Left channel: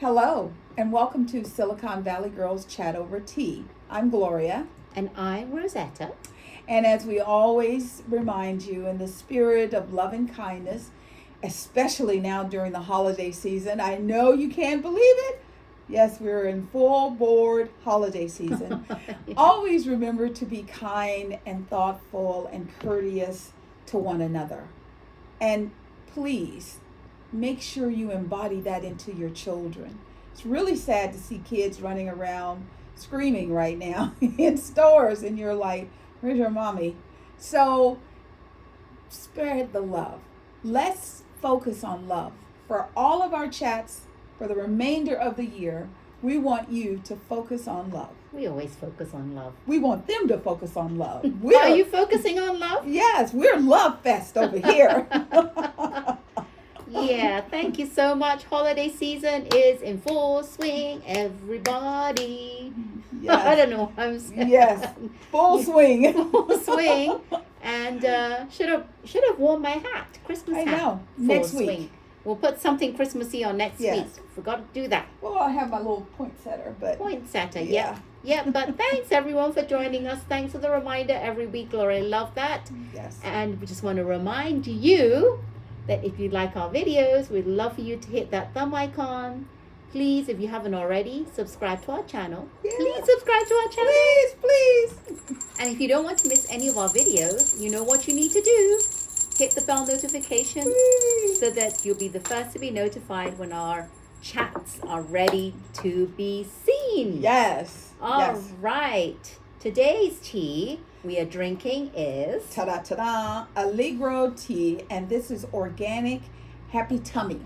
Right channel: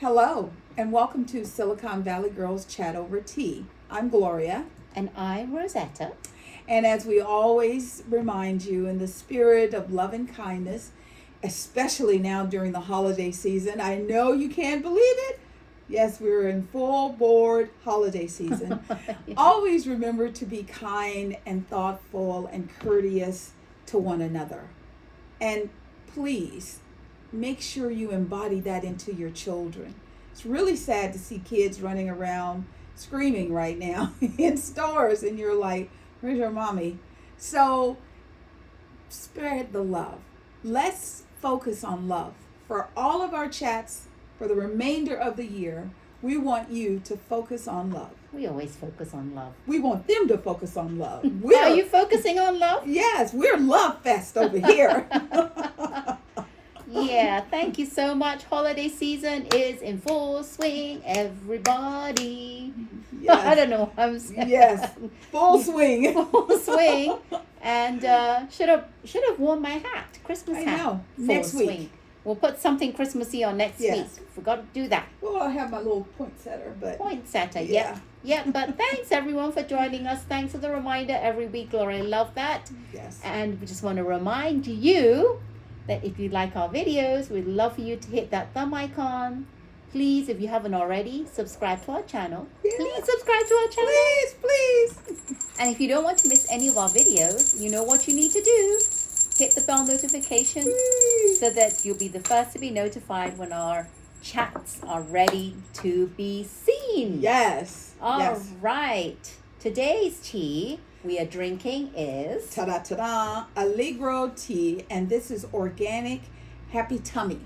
Hello, and welcome to Silicon Valley Girls Chat Over Tea. I'm Gloria. And I'm Rosetta. And as we always remind you, in the spirit of love and kindness, especially now during the holiday season, I know you can't believe it. Yes, we're in full board holiday season. Yeah. Always remember to be kind and thoughtful and courteous to one another. And please, make sure you embody that into your children. It's really sad to see kids running around screaming right now in stores, and you're like, where's your mommy? So spread the love. Let's focus on love. For all of our chats for the remainder of the year, we want you to focus on love. We always focus on love. We want them to focus on love. Are you focusing on love? Yes, we're Love Fest over here. Yeah, thank you so much. Holiday season is in full swing, everybody. Yes. I don't know what I'm saying. Yes, full swing. Full swing. And should have worn my hat, Christmas hat. I know. Full Next week. swing. We'll put something Christmassy on next Yes. week. Forgot to do that. Well, I have my little poinsettia, but Poinsettia, Yeah. yeah. But thanks everyone for joining us. Thanks for the reminder every week, Laura. I love that. yes. And we just want to remind you that if you like our videos, we'd love for you to hit that thumb icon. Please, if you haven't already, subscribe to our channel. Yes. Please subscribe to our channel. Please. And if you don't want to miss any of our videos, you know what you need to do. Hit the bell notification Please. so that you'll be the first to be notified when our chats are ready to be seen. Yes. All Yes. right. Today's tea we are drinking is Ta-da, Allegro tea, and this is organic Happy Tummy.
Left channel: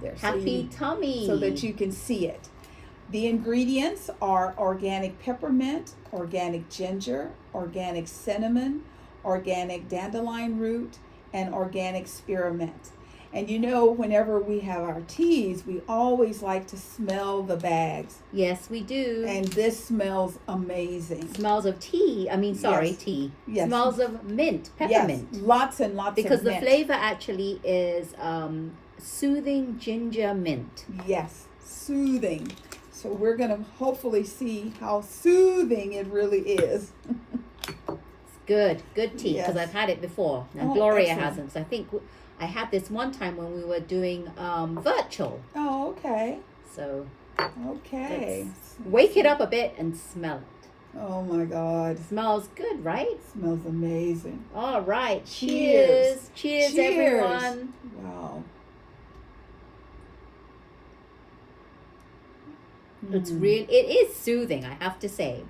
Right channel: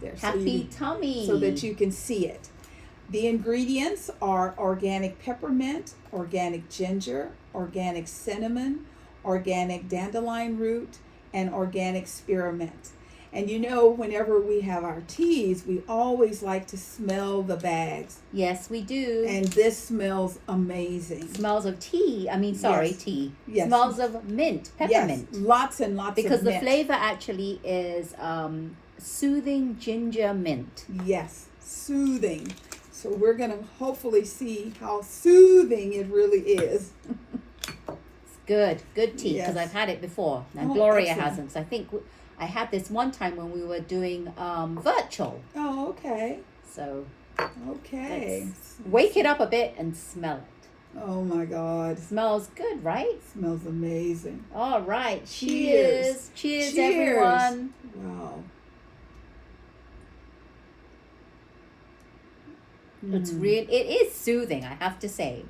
There, Happy Tummy. so that you can see it. The ingredients are organic peppermint, organic ginger, organic cinnamon, organic dandelion root, and organic spearmint. And you know, whenever we have our teas, we always like to smell the bags. Yes, we do. And this smells amazing. Smells of tea. Yes. Tea. Yes. Smells of mint, peppermint. Yes, lots and lots Because of the mint. flavor actually is soothing ginger mint. Yes, soothing. So we're going to hopefully see how soothing it really is. Good tea, because Yes. I've had it before. And Oh, Gloria excellent. hasn't. So I think I had this one time when we were doing virtual. Oh, okay. So Okay. wake it up a bit and smell it. Oh my God. Smells good, right? Smells amazing. All right. Cheers. Cheers, Cheers. everyone. Wow. It's it is soothing, I have to say.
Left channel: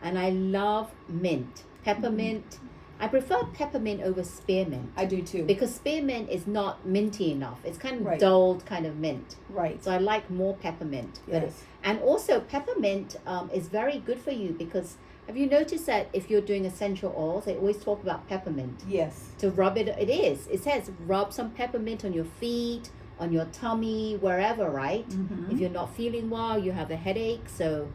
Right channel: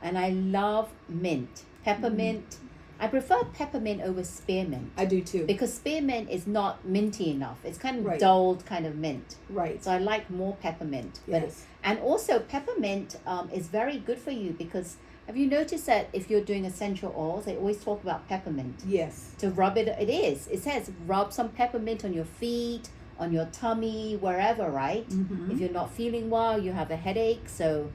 And I love mint. Peppermint. I prefer peppermint over spearmint. I do too. Because spearmint is not minty enough. It's kind of Right. dulled kind of mint. Right. So I like more peppermint. Yes. And also peppermint is very good for you because have you noticed that if you're doing essential oils, they always talk about peppermint. Yes. To rub it, it says rub some peppermint on your feet, on your tummy, wherever, right? Mm-hmm. If you're not feeling well, you have a headache, so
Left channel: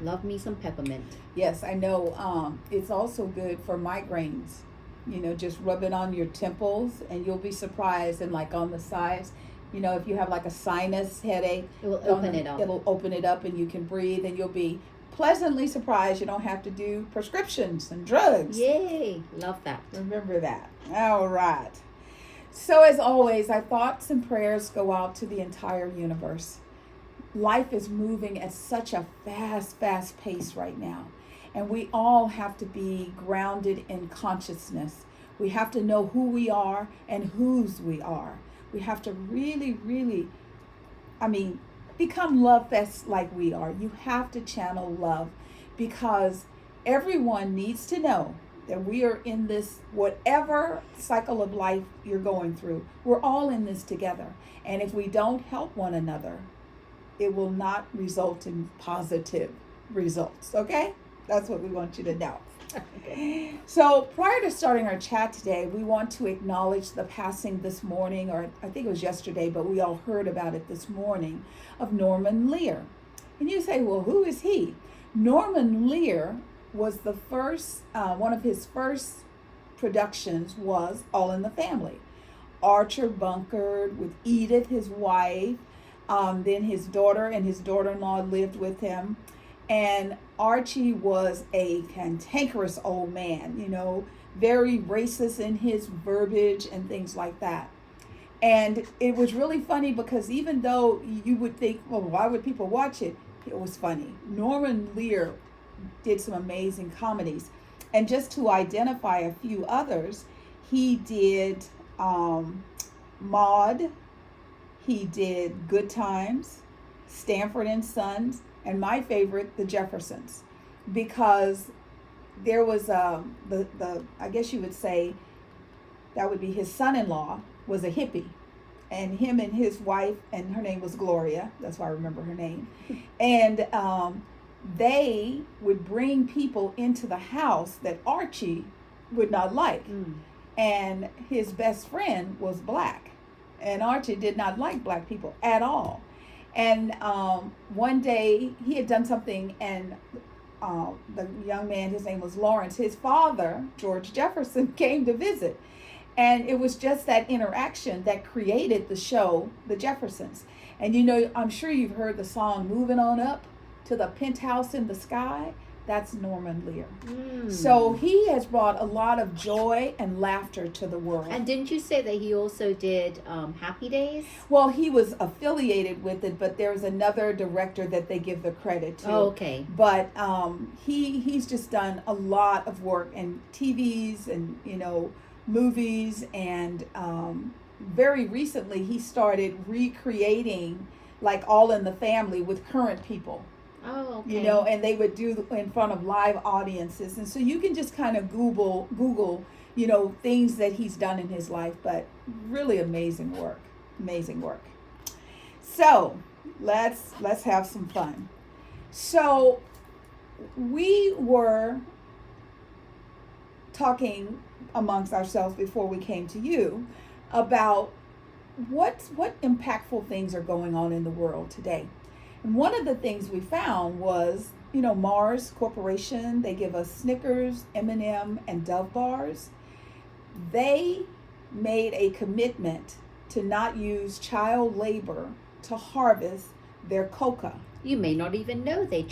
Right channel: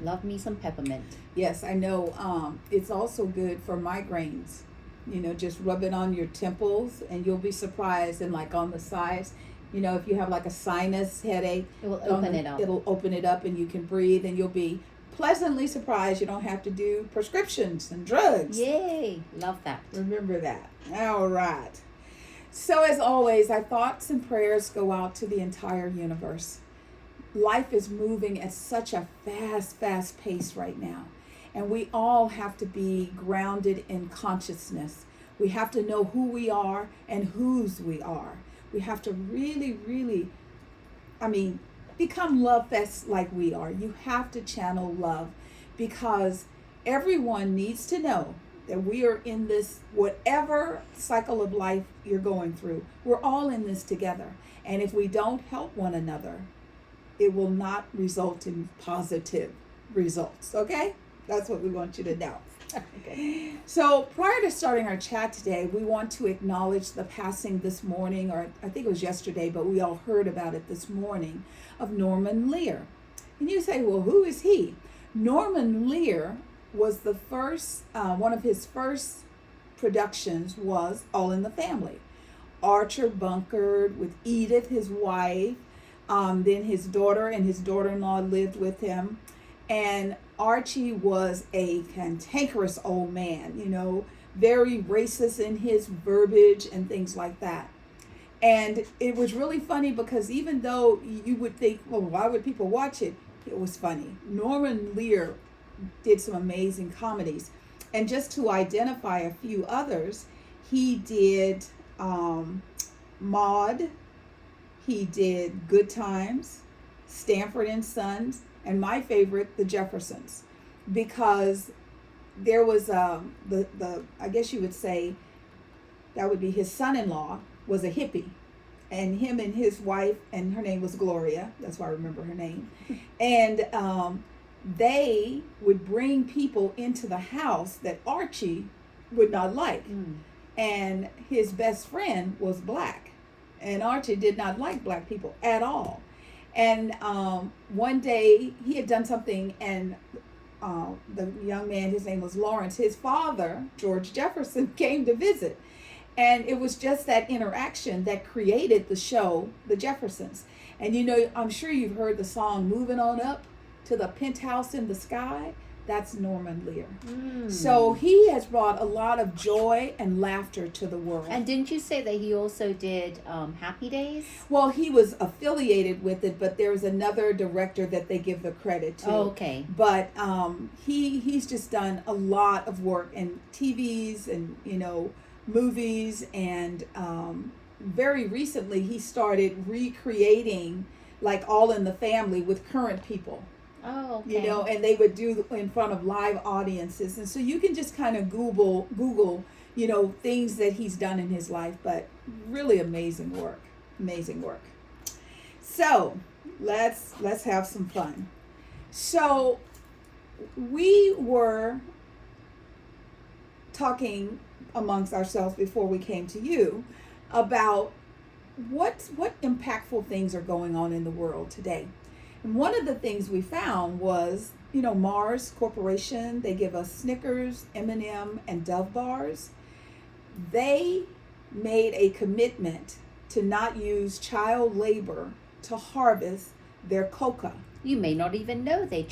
love me some peppermint. Yes, I know. It's also good for migraines. You know, just rub it on your temples, and you'll be surprised. And like on the sides, you know, if you have like a sinus headache, It will open it up. It'll open it up, and you can breathe, and you'll be pleasantly surprised. You don't have to do prescriptions and drugs. Yay! Love that. Remember that. All right. So as always, our thoughts and prayers go out to the entire universe. Life is moving at such a fast pace right now. And we all have to be grounded in consciousness. We have to know who we are and whose we are. We have to really, become love fest like we are. You have to channel love because everyone needs to know that we are in this, whatever cycle of life you're going through, we're all in this together. And if we don't help one another, it will not result in positive results, okay? That's what we want you to know. Okay. So prior to starting our chat today, we want to acknowledge the passing this morning, or I think it was yesterday, but we all heard about it this morning, of Norman Lear. And you say, well, who is he? Norman Lear was the first, one of his first productions was All in the Family. Archer Bunkard with Edith, his wife, Then his daughter and his daughter-in-law lived with him. And Archie was a cantankerous old man, very racist in his verbiage and things like that. And it was really funny because even though you would think, well, why would people watch it? It was funny. Norman Lear did some amazing comedies. And just to identify a few others, he did Maude, he did Good Times, Stanford and Sons, and my favorite, The Jeffersons, because there was the I guess you would say that would be his son-in-law was a hippie, and him and his wife, and her name was Gloria, that's why I remember her name, and they would bring people into the house that Archie would not like. And his best friend was black, and Archie did not like black people at all. And one day he had done something, and the young man, his name was Lawrence, his father, George Jefferson, came to visit. And it was just that interaction that created the show, The Jeffersons. And I'm sure you've heard the song Moving On Up to the Penthouse in the Sky. That's Norman Lear. So he has brought a lot of joy and laughter to the world. And didn't you say that he also did Happy Days? Well, he was affiliated with it, but there was another director that they give the credit to. Oh, okay. But he's just done a lot of work in TVs and, movies. And very recently he started recreating like All in the Family with current people. Oh, okay. And they would do in front of live audiences. And so you can just kind of Google, things that he's done in his life, but really amazing work. So let's have some fun. So we were talking amongst ourselves before we came to you about what impactful things are going on in the world today. And one of the things we found was, Mars Corporation, they give us Snickers, M&M, and Dove bars. They made a commitment to not use child labor to harvest their coca. You may not even know they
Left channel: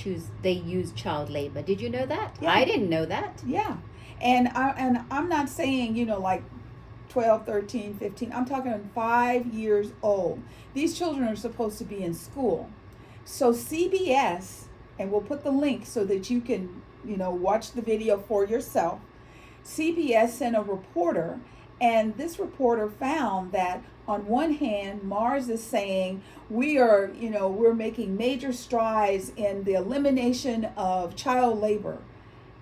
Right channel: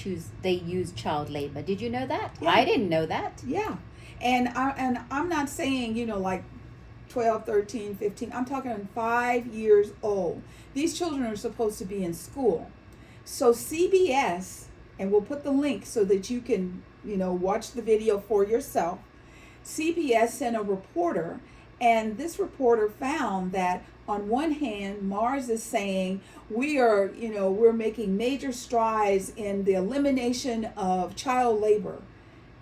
use child labor. Did you know that? Yeah. I didn't know that. Yeah. And I'm not saying, like 12, 13, 15. I'm talking 5 years old. These children are supposed to be in school. So CBS, and we'll put the link so that you can, watch the video for yourself. CBS sent a reporter, and this reporter found that on one hand, Mars is saying we're making major strides in the elimination of child labor.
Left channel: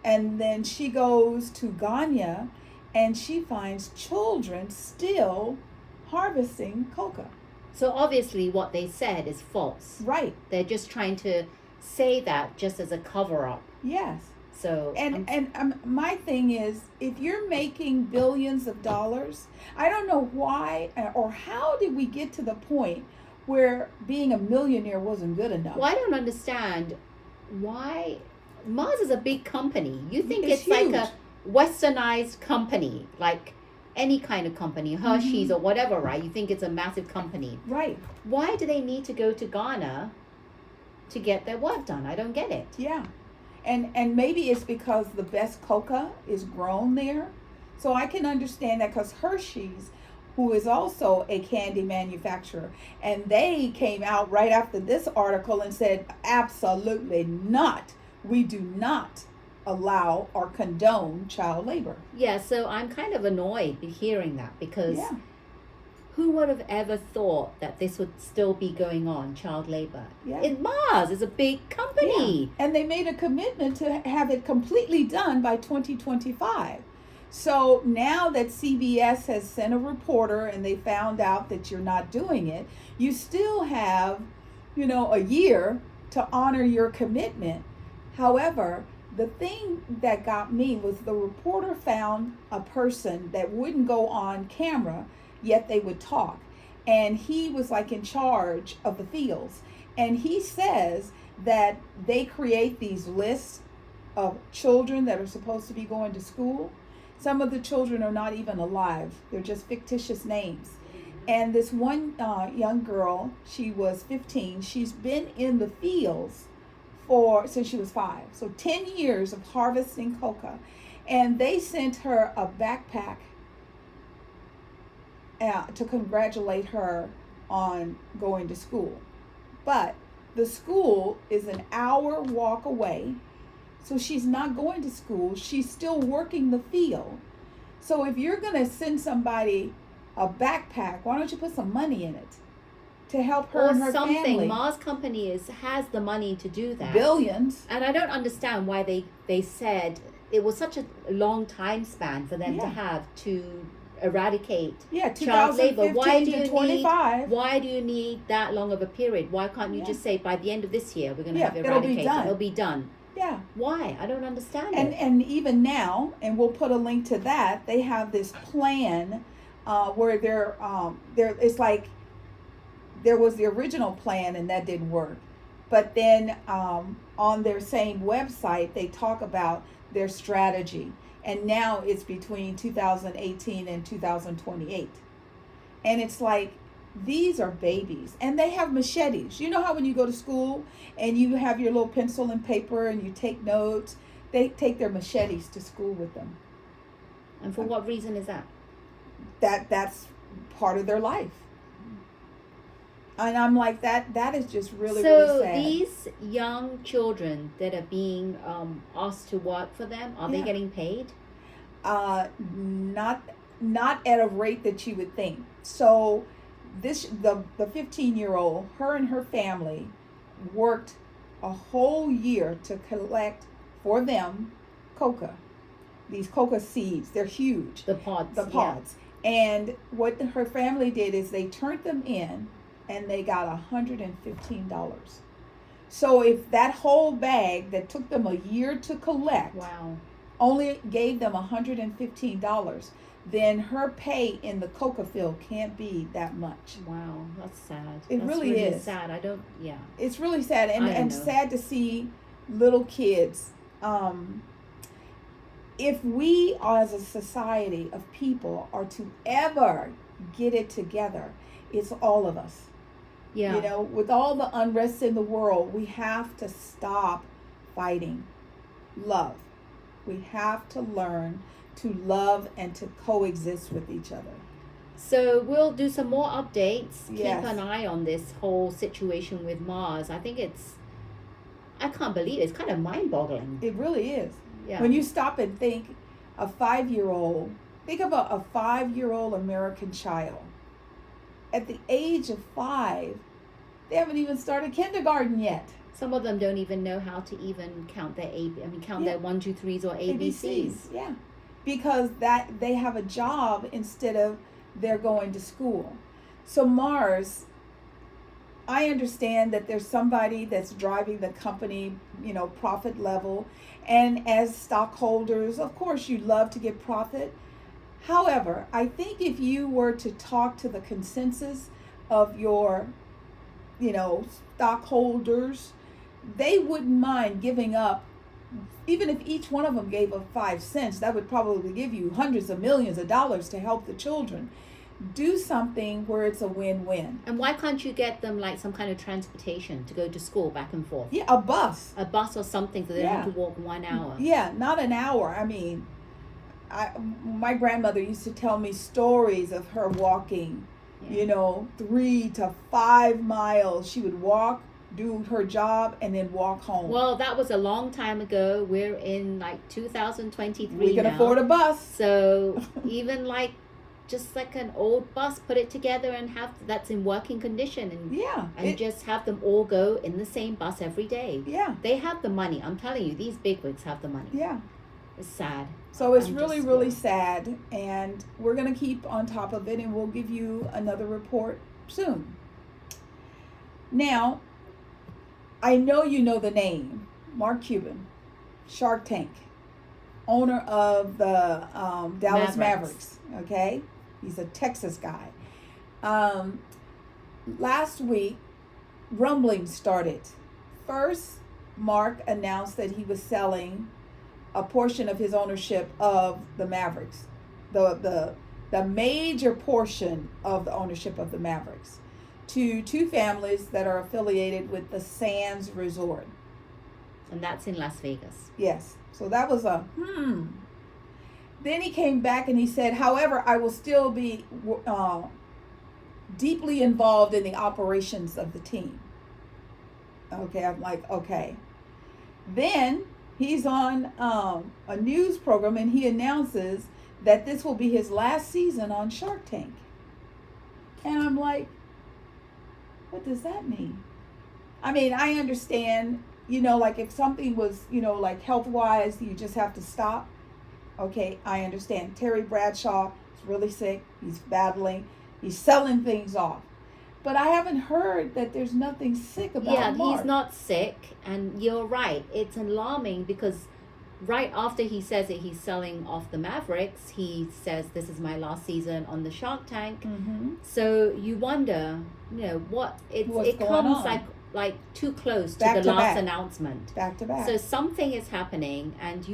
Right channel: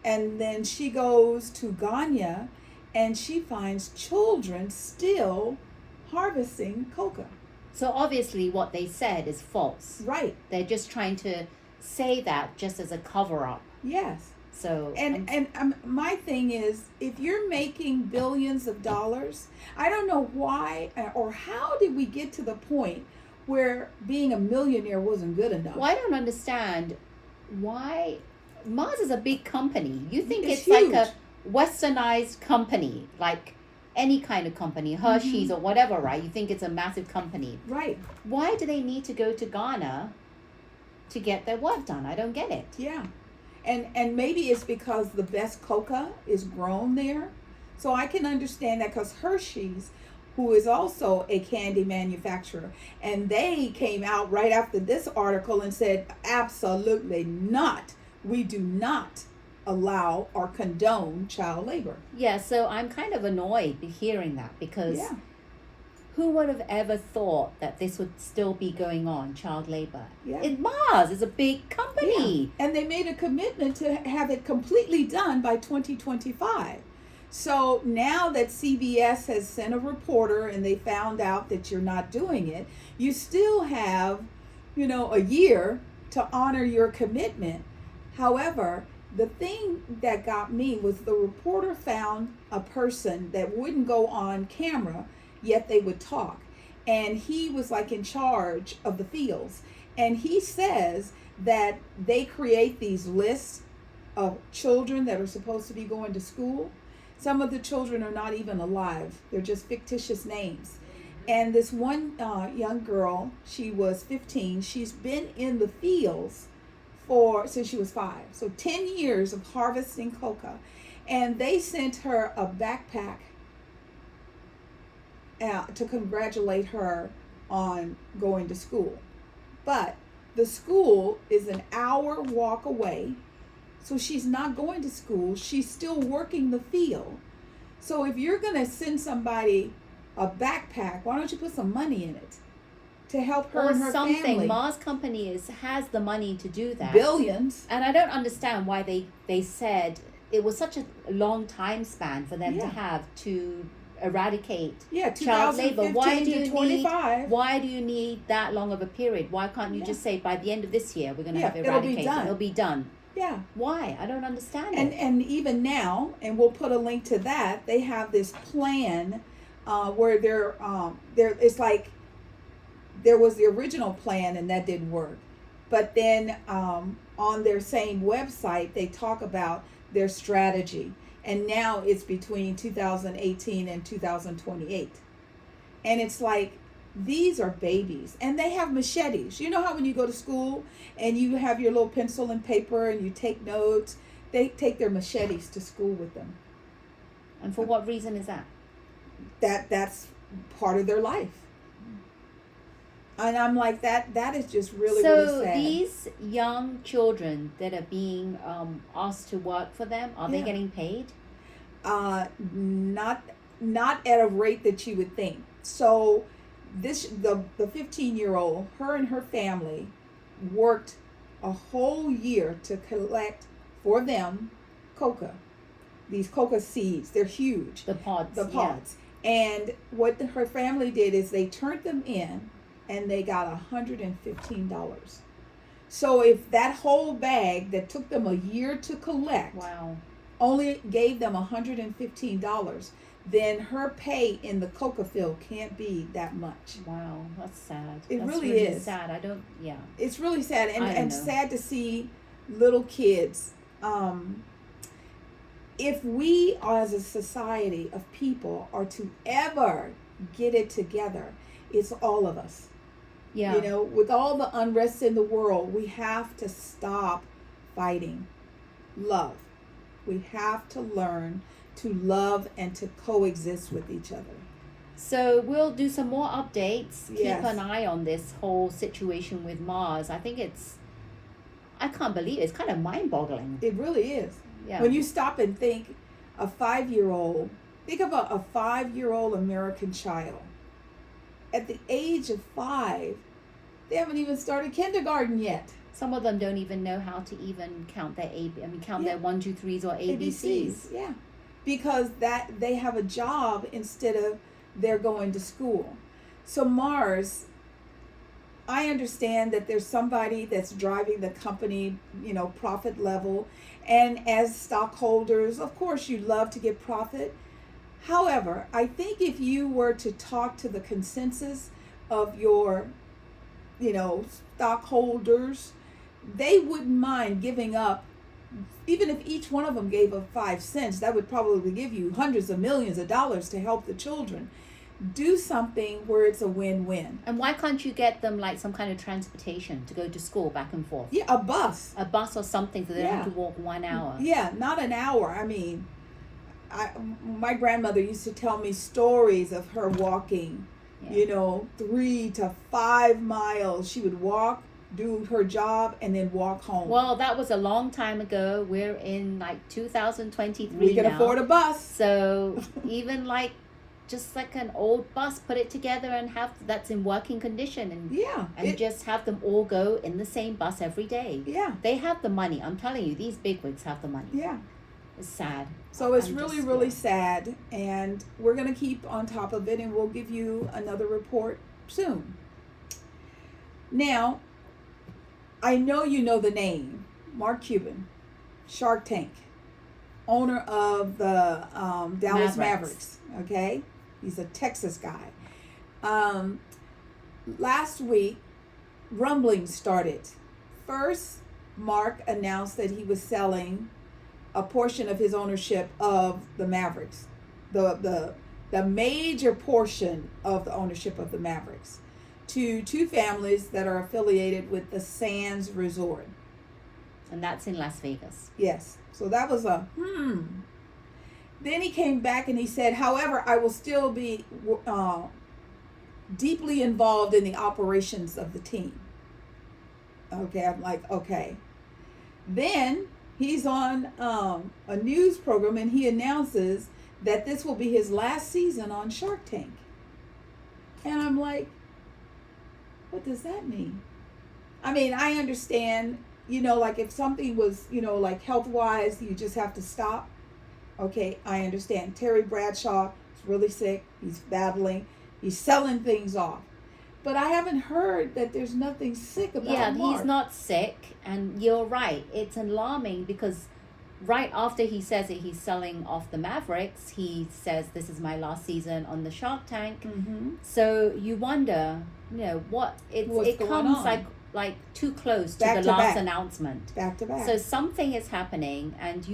And then she goes to Ghana, and she finds children still harvesting coca. So obviously what they said is false. Right. They're just trying to say that just as a cover-up. Yes. So and my thing is, if you're making billions of dollars, I don't know why or how did we get to the point where being a millionaire wasn't good enough. Well, I don't understand why. Mars is a big company. You think it's huge. like a westernized company, like any kind of company, Hershey's or whatever, right? You think it's a massive company. Right. Why do they need to go to Ghana to get their work done? I don't get it. Yeah. And maybe it's because the best coca is grown there. So I can understand that, because Hershey's, who is also a candy manufacturer, and they came out right after this article and said, absolutely not. We do not allow or condone child labor. Yeah, so I'm kind of annoyed hearing that, because who would have ever thought that this would still be going on, child labor? Yeah. Mars is a big company. Yeah. And they made a commitment to have it completely done by 2025. So now that CBS has sent a reporter and they found out that you're not doing it, you still have, a year to honor your commitment. However, the thing that got me was the reporter found a person that wouldn't go on camera, yet they would talk. And he was like in charge of the fields. And he says that they create these lists of children that are supposed to be going to school. Some of the children are not even alive. They're just fictitious names. And this one young girl, she was 15. She's been in the fields since she was 5. So 10 years of harvesting coca. And they sent her a backpack to congratulate her on going to school. But the school is an hour walk away. So she's not going to school. She's still working the field. So if you're going to send somebody a backpack, why don't you put some money in it to help her and her family? Mars Company has the money to do that. Billions. And I don't understand why they said it was such a long time span for them to have to eradicate child labor. Why do you need that long of a period? Why can't you just say by the end of this year we're going to have eradicated? It'll be done. Yeah. Why? I don't understand it. And even now, and we'll put a link to that, they have this plan where it's like there was the original plan and that didn't work. But then on their same website, they talk about their strategy. And now it's between 2018 and 2028. And it's like, these are babies. And they have machetes. You know how when you go to school and you have your little pencil and paper and you take notes? They take their machetes to school with them. And for what reason is that? That's part of their life. And I'm like, that is just really, really sad. So these young children that are being asked to work for them, are they getting paid? Not at a rate that you would think. So the 15-year-old, her and her family worked a whole year to collect for them coca. These coca seeds, they're huge. The pods. And what her family did is they turned them in and they got $115. So if that whole bag that took them a year to collect only gave them $115, then her pay in the coca field can't be that much. Wow, that's sad. That's really is sad. It's really sad, and sad to see little kids. If we as a society of people are to ever get it together, it's all of us. Yeah. You know, with all the unrest in the world, we have to stop fighting. Love. We have to learn to love and to coexist with each other. So we'll do some more updates. Yes. Keep an eye on this whole situation with Mars. I can't believe it. It's kind of mind-boggling. It really is. Yeah. When you stop and think, think about a 5-year-old American child. At the age of 5, they haven't even started kindergarten yet. Some of them don't even know how to even count their their 1, 2, 3s or ABCs. Yeah, because they have a job instead of they're going to school. So Mars, I understand that there's somebody that's driving the company, profit level. And as stockholders, of course, you'd love to get profit. However, I think if you were to talk to the consensus of your, stockholders, they wouldn't mind giving up. Even if each one of them gave up 5 cents, that would probably give you hundreds of millions of dollars to help the children. Do something where it's a win-win. And why can't you get them like some kind of transportation to go to school back and forth? Yeah, a bus. A bus or something so they don't have to walk 1 hour. Yeah, not an hour. I mean, my grandmother used to tell me stories of her walking, 3 to 5 miles. She would walk, do her job, and then walk home. Well, that was a long time ago. We're in like 2023 We can afford a bus. So even just like an old bus, put it together and that's in working condition and just have them all go in the same bus every day. Yeah. They have the money. I'm telling you, these bigwigs have the money. Yeah. It's sad. So it's really sad, and we're going to keep on top of it, and we'll give you another report soon. Now, I know you know the name, Mark Cuban, Shark Tank, owner of the Dallas Mavericks, okay? He's a Texas guy. Last week, rumblings started. First, Mark announced that he was selling a portion of his ownership of the Mavericks, the the major portion of the ownership of the Mavericks to two families that are affiliated with the Sands Resort. And that's in Las Vegas. Yes. So that was a Then he came back and he said, however, I will still be deeply involved in the operations of the team. Okay, I'm like, okay. Then he's on a news program and he announces that this will be his last season on Shark Tank. And I'm like, what does that mean? I mean, I understand, like if something was, like health-wise, you just have to stop. Okay, I understand. Terry Bradshaw is really sick. He's battling. He's selling things off. But I haven't heard that there's nothing sick about Mark. Yeah, he's not sick. And you're right. It's alarming because right after he says that he's selling off the Mavericks, he says, this is my last season on the Shark Tank. Mm-hmm. So you wonder, what it comes on? like too close to the last announcement. Back to back. So something is happening, and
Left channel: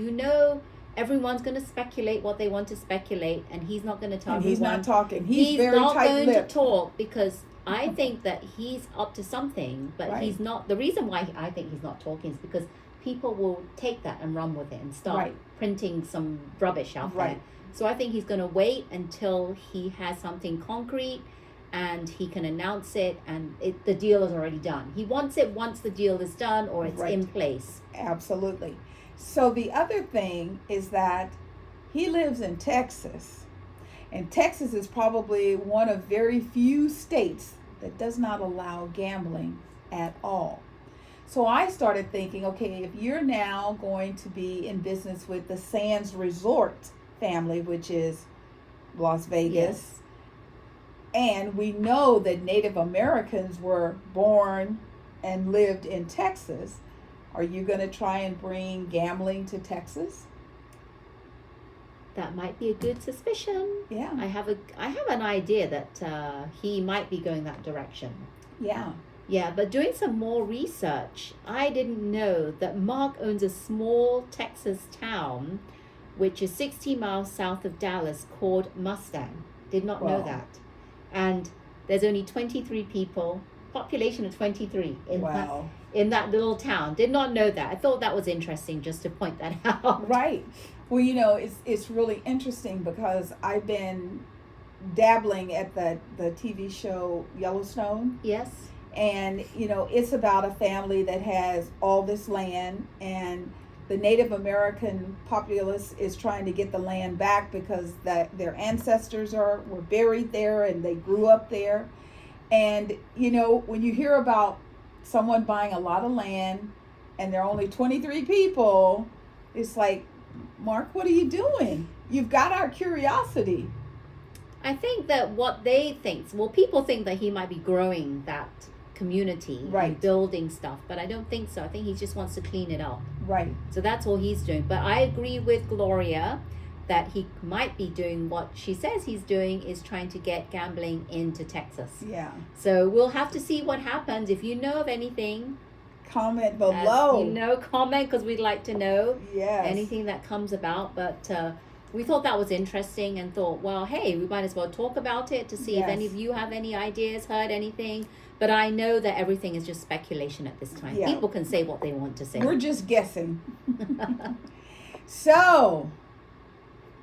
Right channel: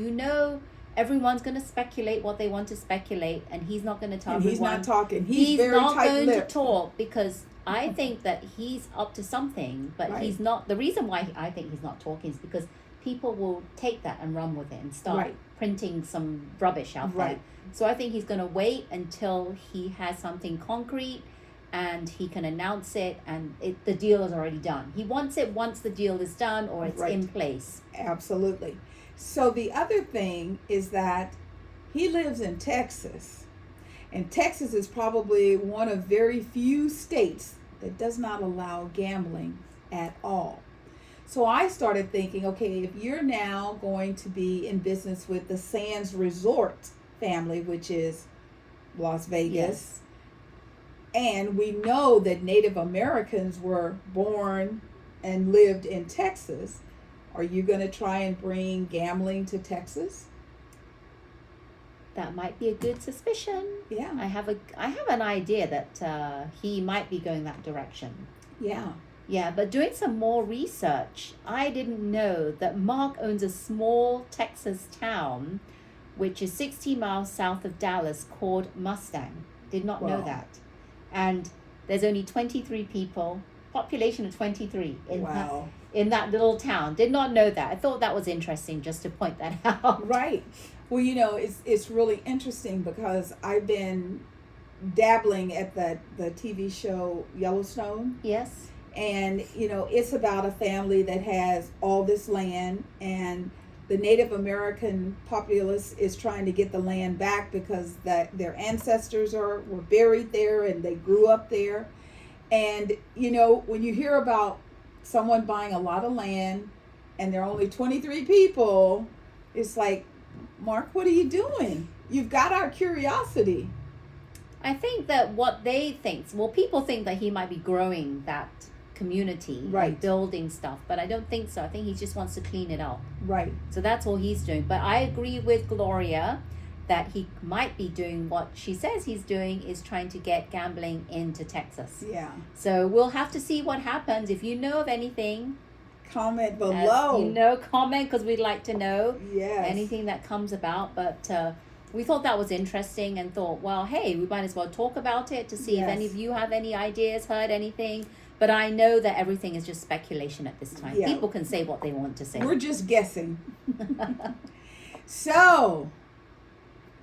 everyone's going to speculate what they want to speculate, and he's not going to tell everyone. He's not talking. He's very not going to tight-lipped. talk because I think that he's up to something, but Right. he's not. The reason why I think he's not talking is because people will take that and run with it and start Right. printing some rubbish out there. Right. So I think he's going to wait until he has something concrete and he can announce it, and the deal is already done. He wants it once the deal is done or it's Right. in place. Absolutely. So the other thing is that he lives in Texas, and Texas is probably one of very few states that does not allow gambling at all. So I started thinking, okay, if you're now going to be in business with the Sands Resort family, which is Las Vegas, Yes. and we know that Native Americans were born and lived in Texas, are you going to try and bring gambling to Texas? That might be a good suspicion. Yeah. I have an idea that he might be going that direction. Yeah. Yeah, but doing some more research, I didn't know that Mark owns a small Texas town, which is 60 miles south of Dallas, called Mustang. Did not know Wow. that. And there's only 23 people, population of 23 in that little town. Did not know that. I thought that was interesting just to point that out. Right. Well, it's really interesting because I've been dabbling at the TV show Yellowstone. Yes. And, it's about a family that has all this land, and the Native American populace is trying to get the land back because their ancestors were buried there and they grew up there. And, when you hear about someone buying a lot of land and there are only 23 people, it's like, Mark, what are you doing? You've got our curiosity. I think that what they think, people think that he might be growing that community Right. and building stuff, but I don't think so. I think he just wants to clean it up. Right. So that's all he's doing. But I agree with Gloria that he might be doing what she says he's doing, is trying to get gambling into Texas. Yeah. So we'll have to see what happens. If you know of anything, Comment below. comment, because we'd like to know Yes. anything that comes about. But we thought that was interesting and thought, well, hey, we might as well talk about it to see if Yes. any of you have any ideas, heard anything. But I know that everything is just speculation at this time. Yeah. People can say what they want to say. We're just guessing. So,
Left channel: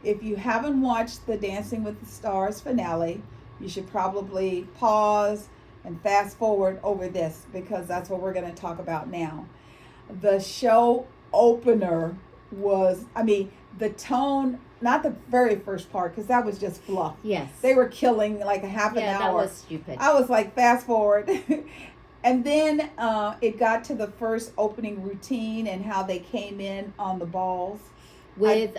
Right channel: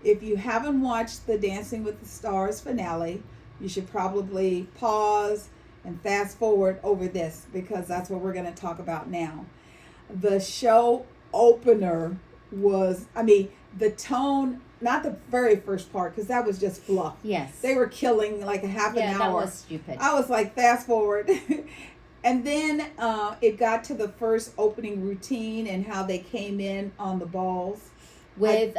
if you haven't watched the Dancing with the Stars finale, you should probably pause and fast forward over this, because that's what we're going to talk about now. The show opener was, the tone, not the very first part, because that was just fluff. Yes. They were killing like a half an hour. Yeah, that was stupid. I was like, fast forward. And then it got to the first opening routine and how they came in on the balls. With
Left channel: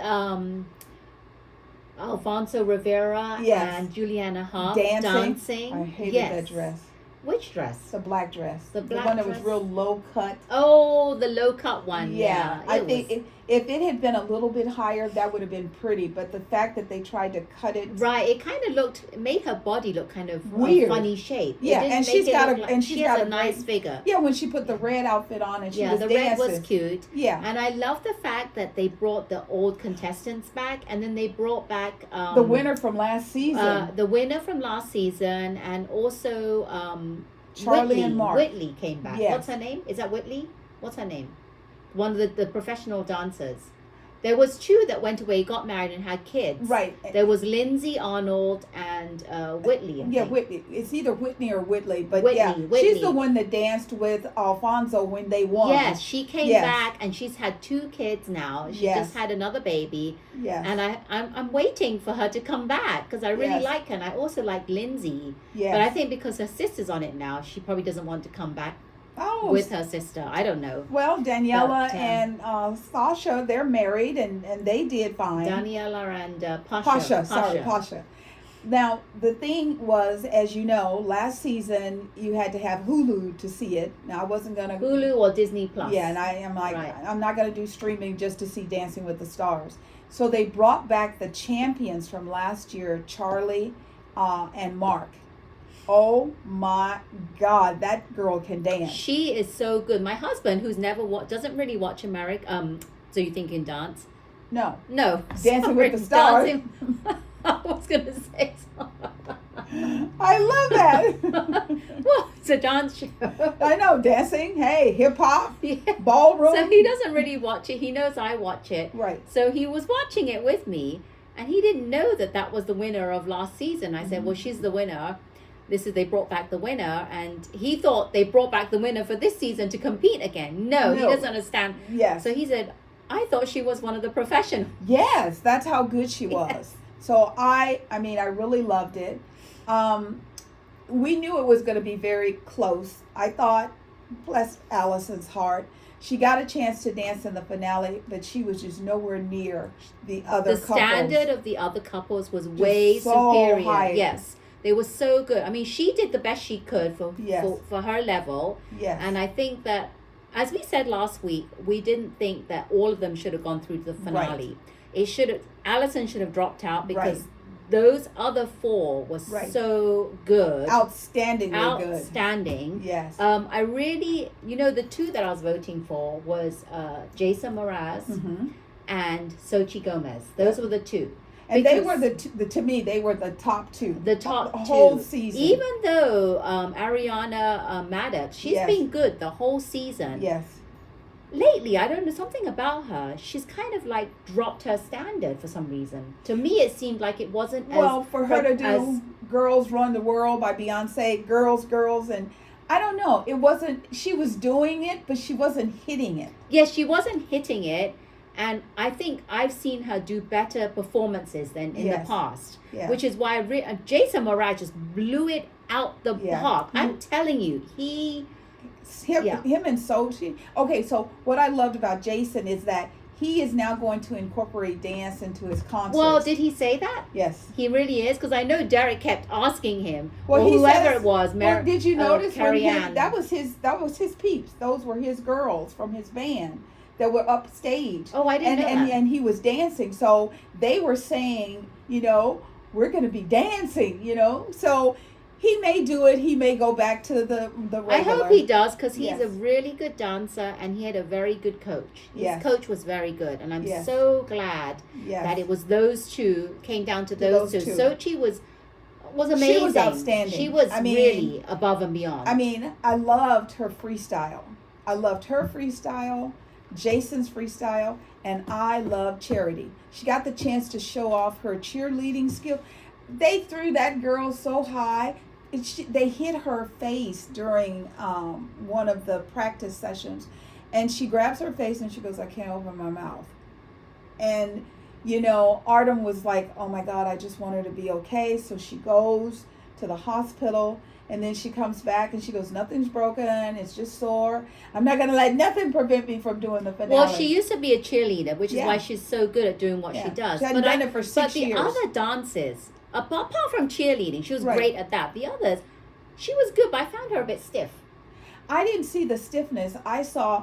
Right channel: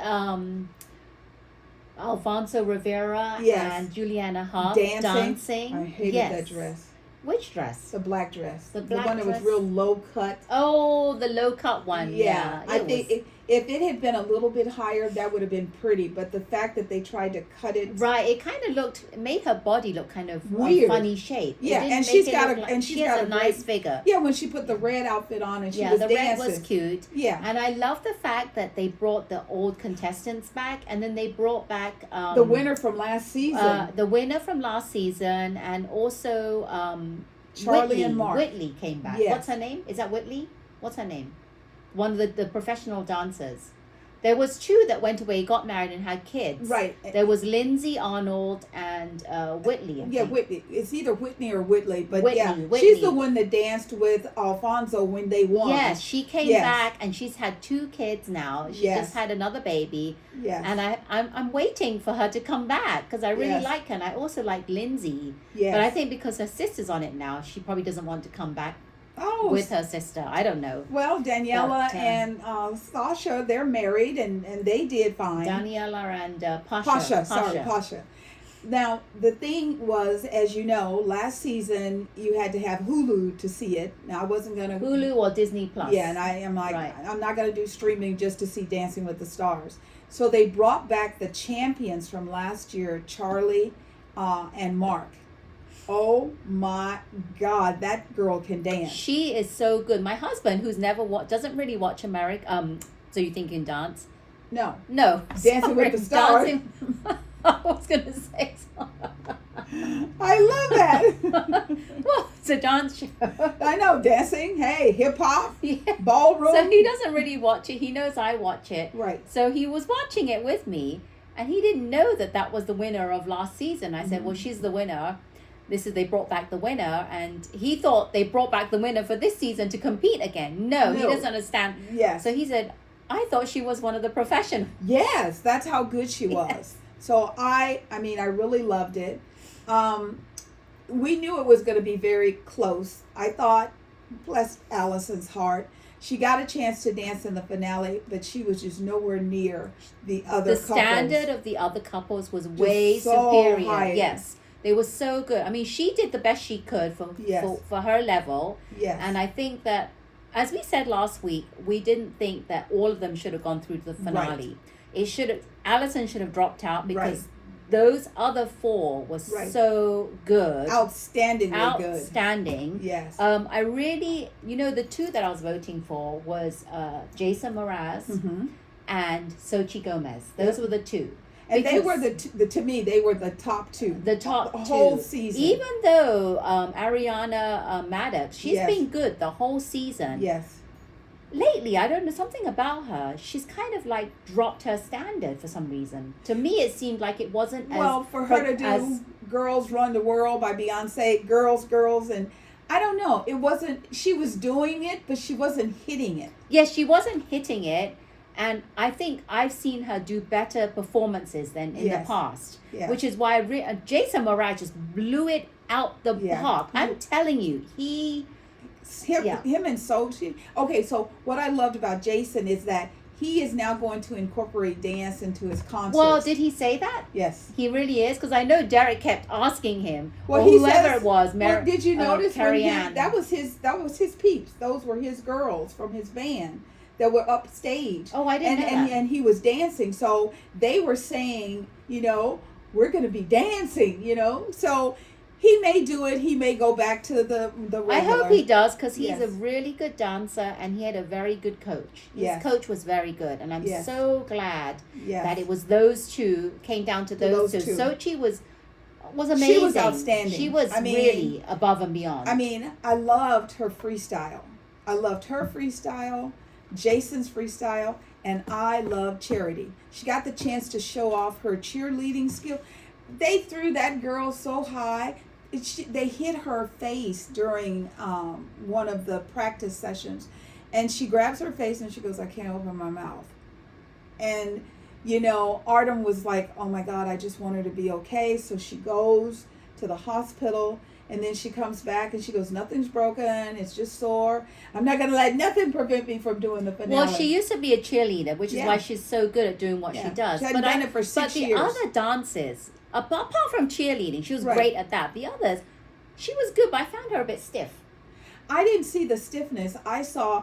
Alfonso Rivera Yes. and Juliana Hough Dancing. I hated that dress. Which dress? The black dress. The black one that was dress? real low cut. Oh, the low cut one. Yeah. I think If it had been a little bit higher, that would have been pretty. But the fact that they tried to cut it, right, it kind of made her body look kind of weird, funny shape. Yeah, and she's got a nice figure. Yeah, when she put the red outfit on and she was the dancing. Red was cute. Yeah, and I love the fact that they brought the old contestants back, and then they brought back the winner from last season. And also Charlie Whitley. and Mark. Whitley came back. Yes. What's her name? Is that Whitley? What's her name? One of the professional dancers. There was two that went away, got married, and had kids. Right. There was Lindsay Arnold and Whitley. I think. Whitley. It's either Whitney or Whitley, but Whitley. she's the one that danced with Alfonso when they won. Yes, she came back, and she's had 2 kids now. She just had another baby. Yes. And I'm waiting for her to come back because I really like her, and I also like Lindsay. Yes. But I think because her sister's on it now, she probably doesn't want to come back. With her sister. I don't know. Well, Daniela and Sasha, they're married and they did fine. Daniela and Pasha. Now, the thing was, as you know, last season you had to have Hulu to see it. Now, I wasn't going to... Hulu or Disney Plus. Yeah, and I am like, I'm not going to do streaming just to see Dancing with the Stars. So they brought back the champions from last year, Charlie and Mark. Oh my God, that girl can dance. She is so good. My husband, who's never doesn't really watch America. So you think in dance? No. Dancing with the Stars. I was gonna say. I love that. Well, it's a dance show. I know, dancing. Hey, hip hop, ballroom. So he doesn't really watch it. He knows I watch it. Right. So he was watching it with me, and he didn't know that was the winner of last season. I said, "Well, she's the winner." They brought back the winner, and he thought they brought back the winner for this season to compete again. No, he doesn't understand. Yes. So he said, I thought she was one of the professionals. Yes, that's how good she was. So I really loved it. We knew it was going to be very close. I thought, bless Allison's heart, she got a chance to dance in the finale, but she was just nowhere near the other couples. The standard of the other couples was way superior. High. Yes. They were so good. I mean, she did the best she could for her level. Yes. And I think that, as we said last week, we didn't think that all of them should have gone through to the finale. Right. Allison should have dropped out because those other 4 was so good. Outstanding. Yes. I really, the 2 that I was voting for was Jason Mraz and Xochitl Gomez. Those were the 2. And they were to me, they were the top 2. The top the whole season. Even though Ariana Maddox, she's been good the whole season. Yes. Lately, I don't know, something about her. She's kind of like dropped her standard for some reason. To me, it seemed like it wasn't for her to do Girls Run the World by Beyonce, girls, and I don't know. It wasn't, she was doing it, but she wasn't hitting it. Yes, she wasn't hitting it. And I think I've seen her do better performances than in the past, which is why Jason Mraz just blew it out the park. I'm telling you, him and Sochi. Okay, so what I loved about Jason is that he is now going to incorporate dance into his concerts. Well, did he say that? Yes. He really is? Because I know Derek kept asking him, or whoever it was. Did you notice Carrie Ann. that was his peeps. Those were his girls from his band that were upstage. Oh, I didn't know that. And he was dancing. So they were saying, we're going to be dancing, So he may do it. He may go back to the regular. I hope he does, because he's a really good dancer, and he had a very good coach. His coach was very good, and I'm so glad that it was those 2, came down to those two. Sochi was amazing. She was outstanding. She was really above and beyond. I mean, I loved her freestyle. Jason's freestyle, and I love Charity. She got the chance to show off her cheerleading skill. They threw that girl so high. They hit her face during one of the practice sessions, and she grabs her face and she goes, I can't open my mouth. And Artem was like, oh my God, I just want her to be okay. So she goes to the hospital. And then she comes back and she goes, nothing's broken. It's just sore. I'm not going to let nothing prevent me from doing the finale. Well, she used to be a cheerleader, which is why she's so good at doing what she does. She hadn't done it for 6 years. But the other dances, apart from cheerleading, she was great at that. The others, she was good, but I found her a bit stiff. I didn't see the stiffness. I saw,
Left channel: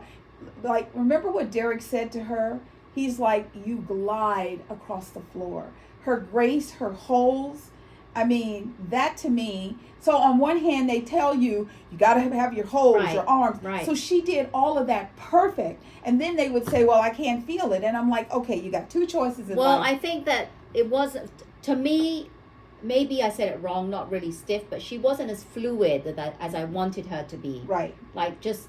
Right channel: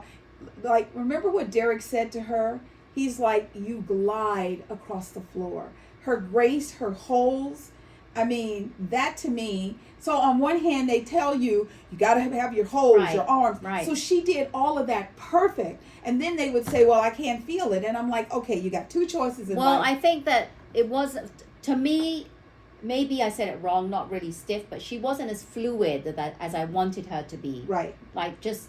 remember what Derek said to her? he's like, you glide across the floor. Her grace, her holds, I mean, that to me. So on one hand, they tell you got to have your holds, your arms. Right. So she did all of that perfect. And then they would say, well, I can't feel it. And I'm like, okay, you got two choices in life. Well, I think that it wasn't, to me, maybe I said it wrong, not really stiff, but she wasn't as fluid as I wanted her to be. Right. Like just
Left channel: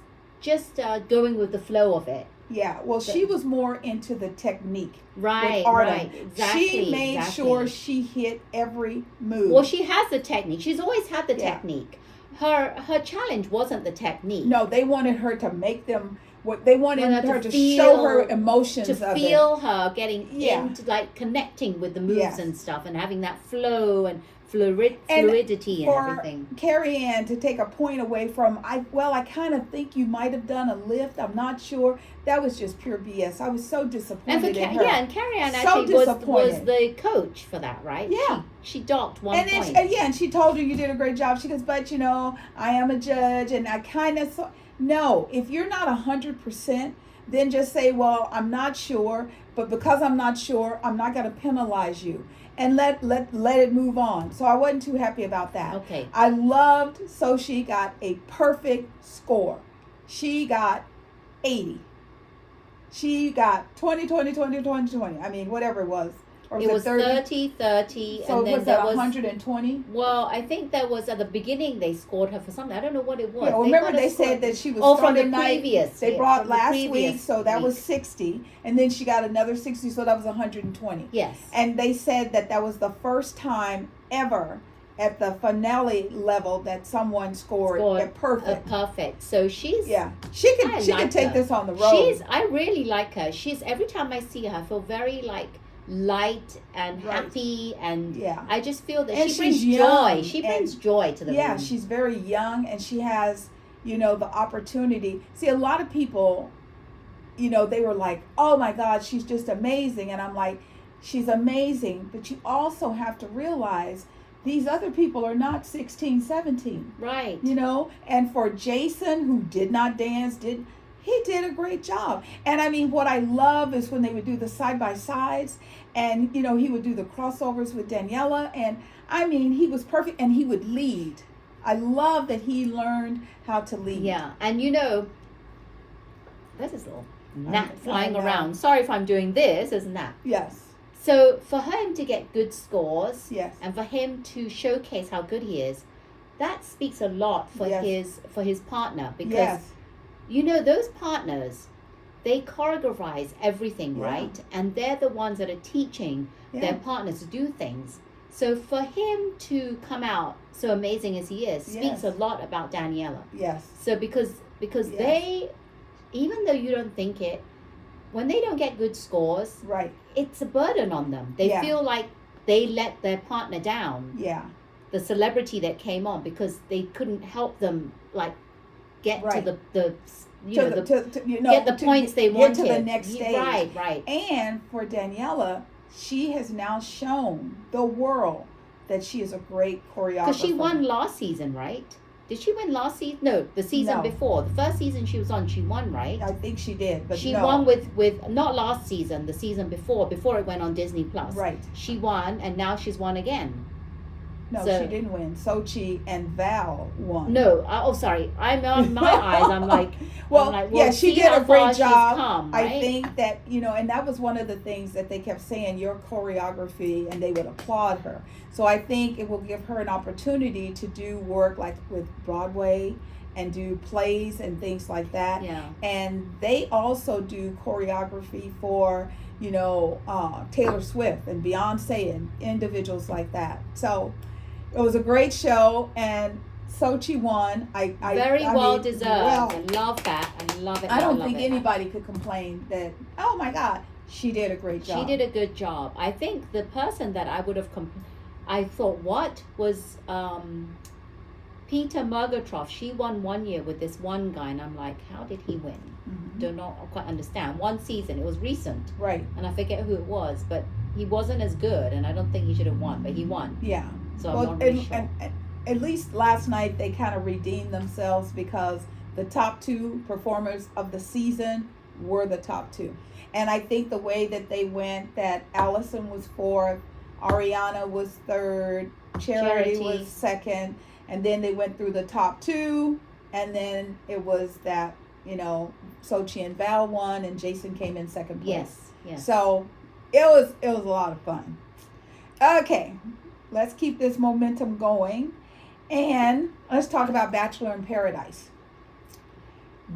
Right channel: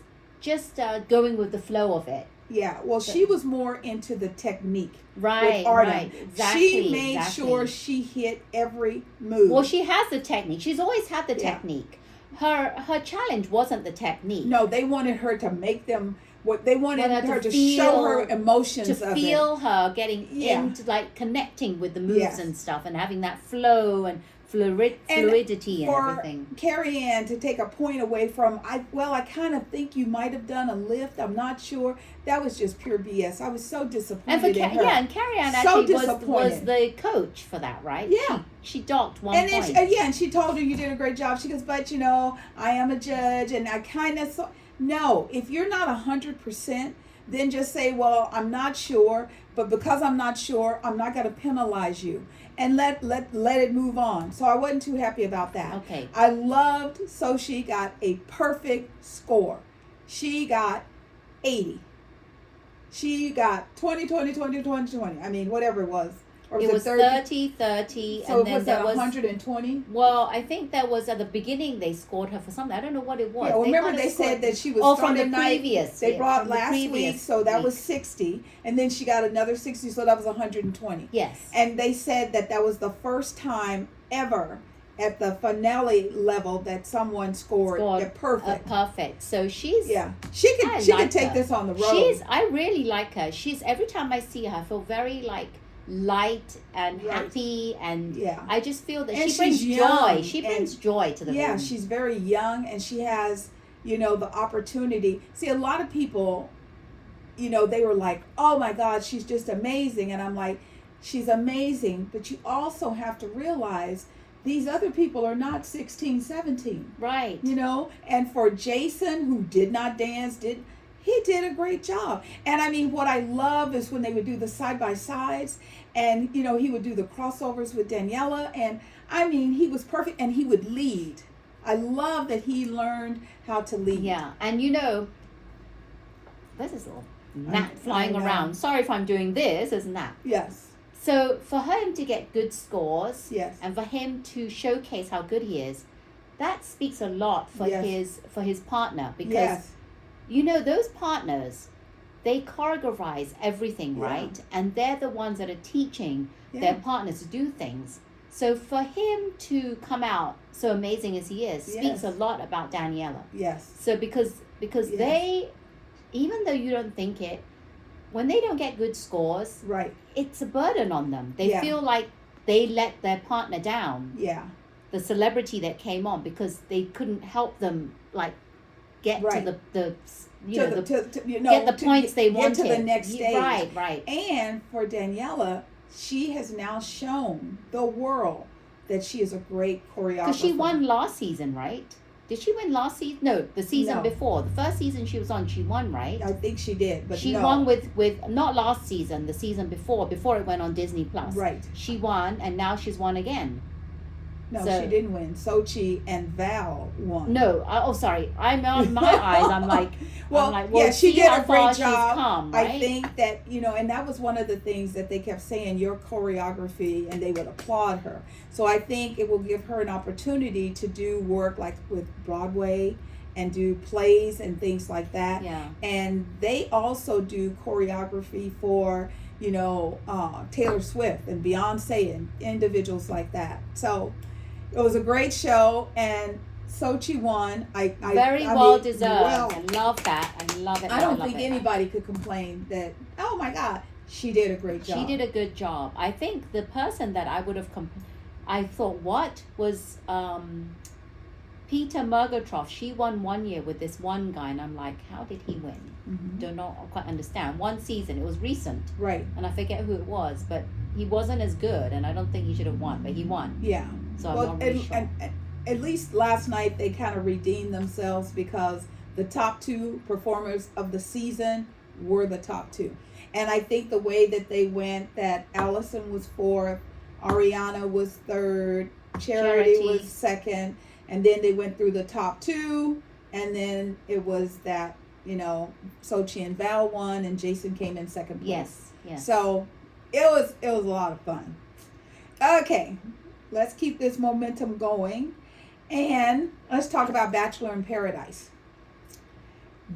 going with the flow of it. Yeah, well, she was more into the technique. Right, right, exactly. She made sure she hit every move. Well, she has the technique. She's always had the technique. Her challenge wasn't the technique. No, they wanted her to make them. What they wanted her to show her emotions, to feel her getting into, like, connecting with the moves and stuff, and having that flow and fluidity and everything. Carrie Ann, to take a point away from, I kind of think you might have done a lift. I'm not sure. That was just pure BS. I was so disappointed in her. Yeah, and Carrie Ann actually was the coach for that, right? Yeah. She docked one point. And she told her, you did a great job. She goes, but, I am a judge, and I kind of saw. No, if you're not 100%, then just say, well, I'm not sure, but because I'm not sure, I'm not going to penalize you. And let it move on. So I wasn't too happy about that. Okay. I loved, so she got a perfect score. She got 80. She got 20, 20, 20, 20, 20. I mean, whatever it was. Or it was 30, 30. So and then was that 120? Well, I think that was at the beginning they scored her for something. I don't know what it was. Yeah, remember they said that she was from the previous. They brought last week, so that was 60. And then she got another 60, so that was 120. Yes. And they said that was the first time ever at the finale level that someone scored a perfect. So she's she could take this on the road. I really like her. She's every time I see her I feel very like light and happy, and I just feel that she brings joy. She brings joy to the room. Yeah, she's very young, and she has, the opportunity. See, a lot of people, they were like, oh my God, she's just amazing. And I'm like, she's amazing, but you also have to realize these other people are not 16, 17. Right. And for Jason, who did not dance, he did a great job. And I mean, what I love is when they would do the side-by-sides, and, he would do the crossovers with Daniela. And I mean, he was perfect, and he would lead. I love that he learned how to lead. Yeah. And there's this little gnat flying around. Sorry if I'm doing this, isn't that? Yes. So for him to get good scores, and for him to showcase how good he is, that speaks a lot for his partner, because those partners, they choreographize everything, right? And they're the ones that are teaching their partners to do things. So for him to come out so amazing as he is speaks a lot about Daniela. Yes. So because they, even though you don't think it, when they don't get good scores, it's a burden on them. They feel like they let their partner down. Yeah. The celebrity that came on, because they couldn't help them get to get the points they wanted. Get to the next stage. Right. And for Daniela, she has now shown the world that she is a great choreographer. Because she won last season, right? Did she win last season? No, the season before. The first season she was on, she won, right? I think she did, but she won with not last season, the season before it went on Disney Plus. Right. She won, and now she's won again. No, she didn't win. Sochi and Val won. No, sorry. I'm on my eyes. I'm like, she did a great job. Come, right? I think that, and that was one of the things that they kept saying, your choreography, and they would applaud her. So I think it will give her an opportunity to do work like with Broadway and do plays and things like that. Yeah. And they also do choreography for, Taylor Swift and Beyonce and individuals like that. So it was a great show, and Sochi won. Very well deserved. I love that. I love it. I don't think anybody could complain that, oh my God, she did a great job. She did a good job. I think the person that I would have I thought, what was Peter Murgatroff? She won one year with this one guy, and I'm like, how did he win? Mm-hmm. Don't know, quite understand. One season, it was recent. Right. And I forget who it was, but he wasn't as good, and I don't think he should have won, but he won. Yeah. So I'm not really sure. And at least last night they kind of redeemed themselves, because the top two performers of the season were the top two. And I think the way that they went, that Allison was fourth, Ariana was third, Charity was second, and then they went through the top two, and then it was that, you know, Sochi and Val won, and Jason came in second place. Yes. So it was a lot of fun. Okay, let's keep this momentum going, and let's talk about Bachelor in Paradise.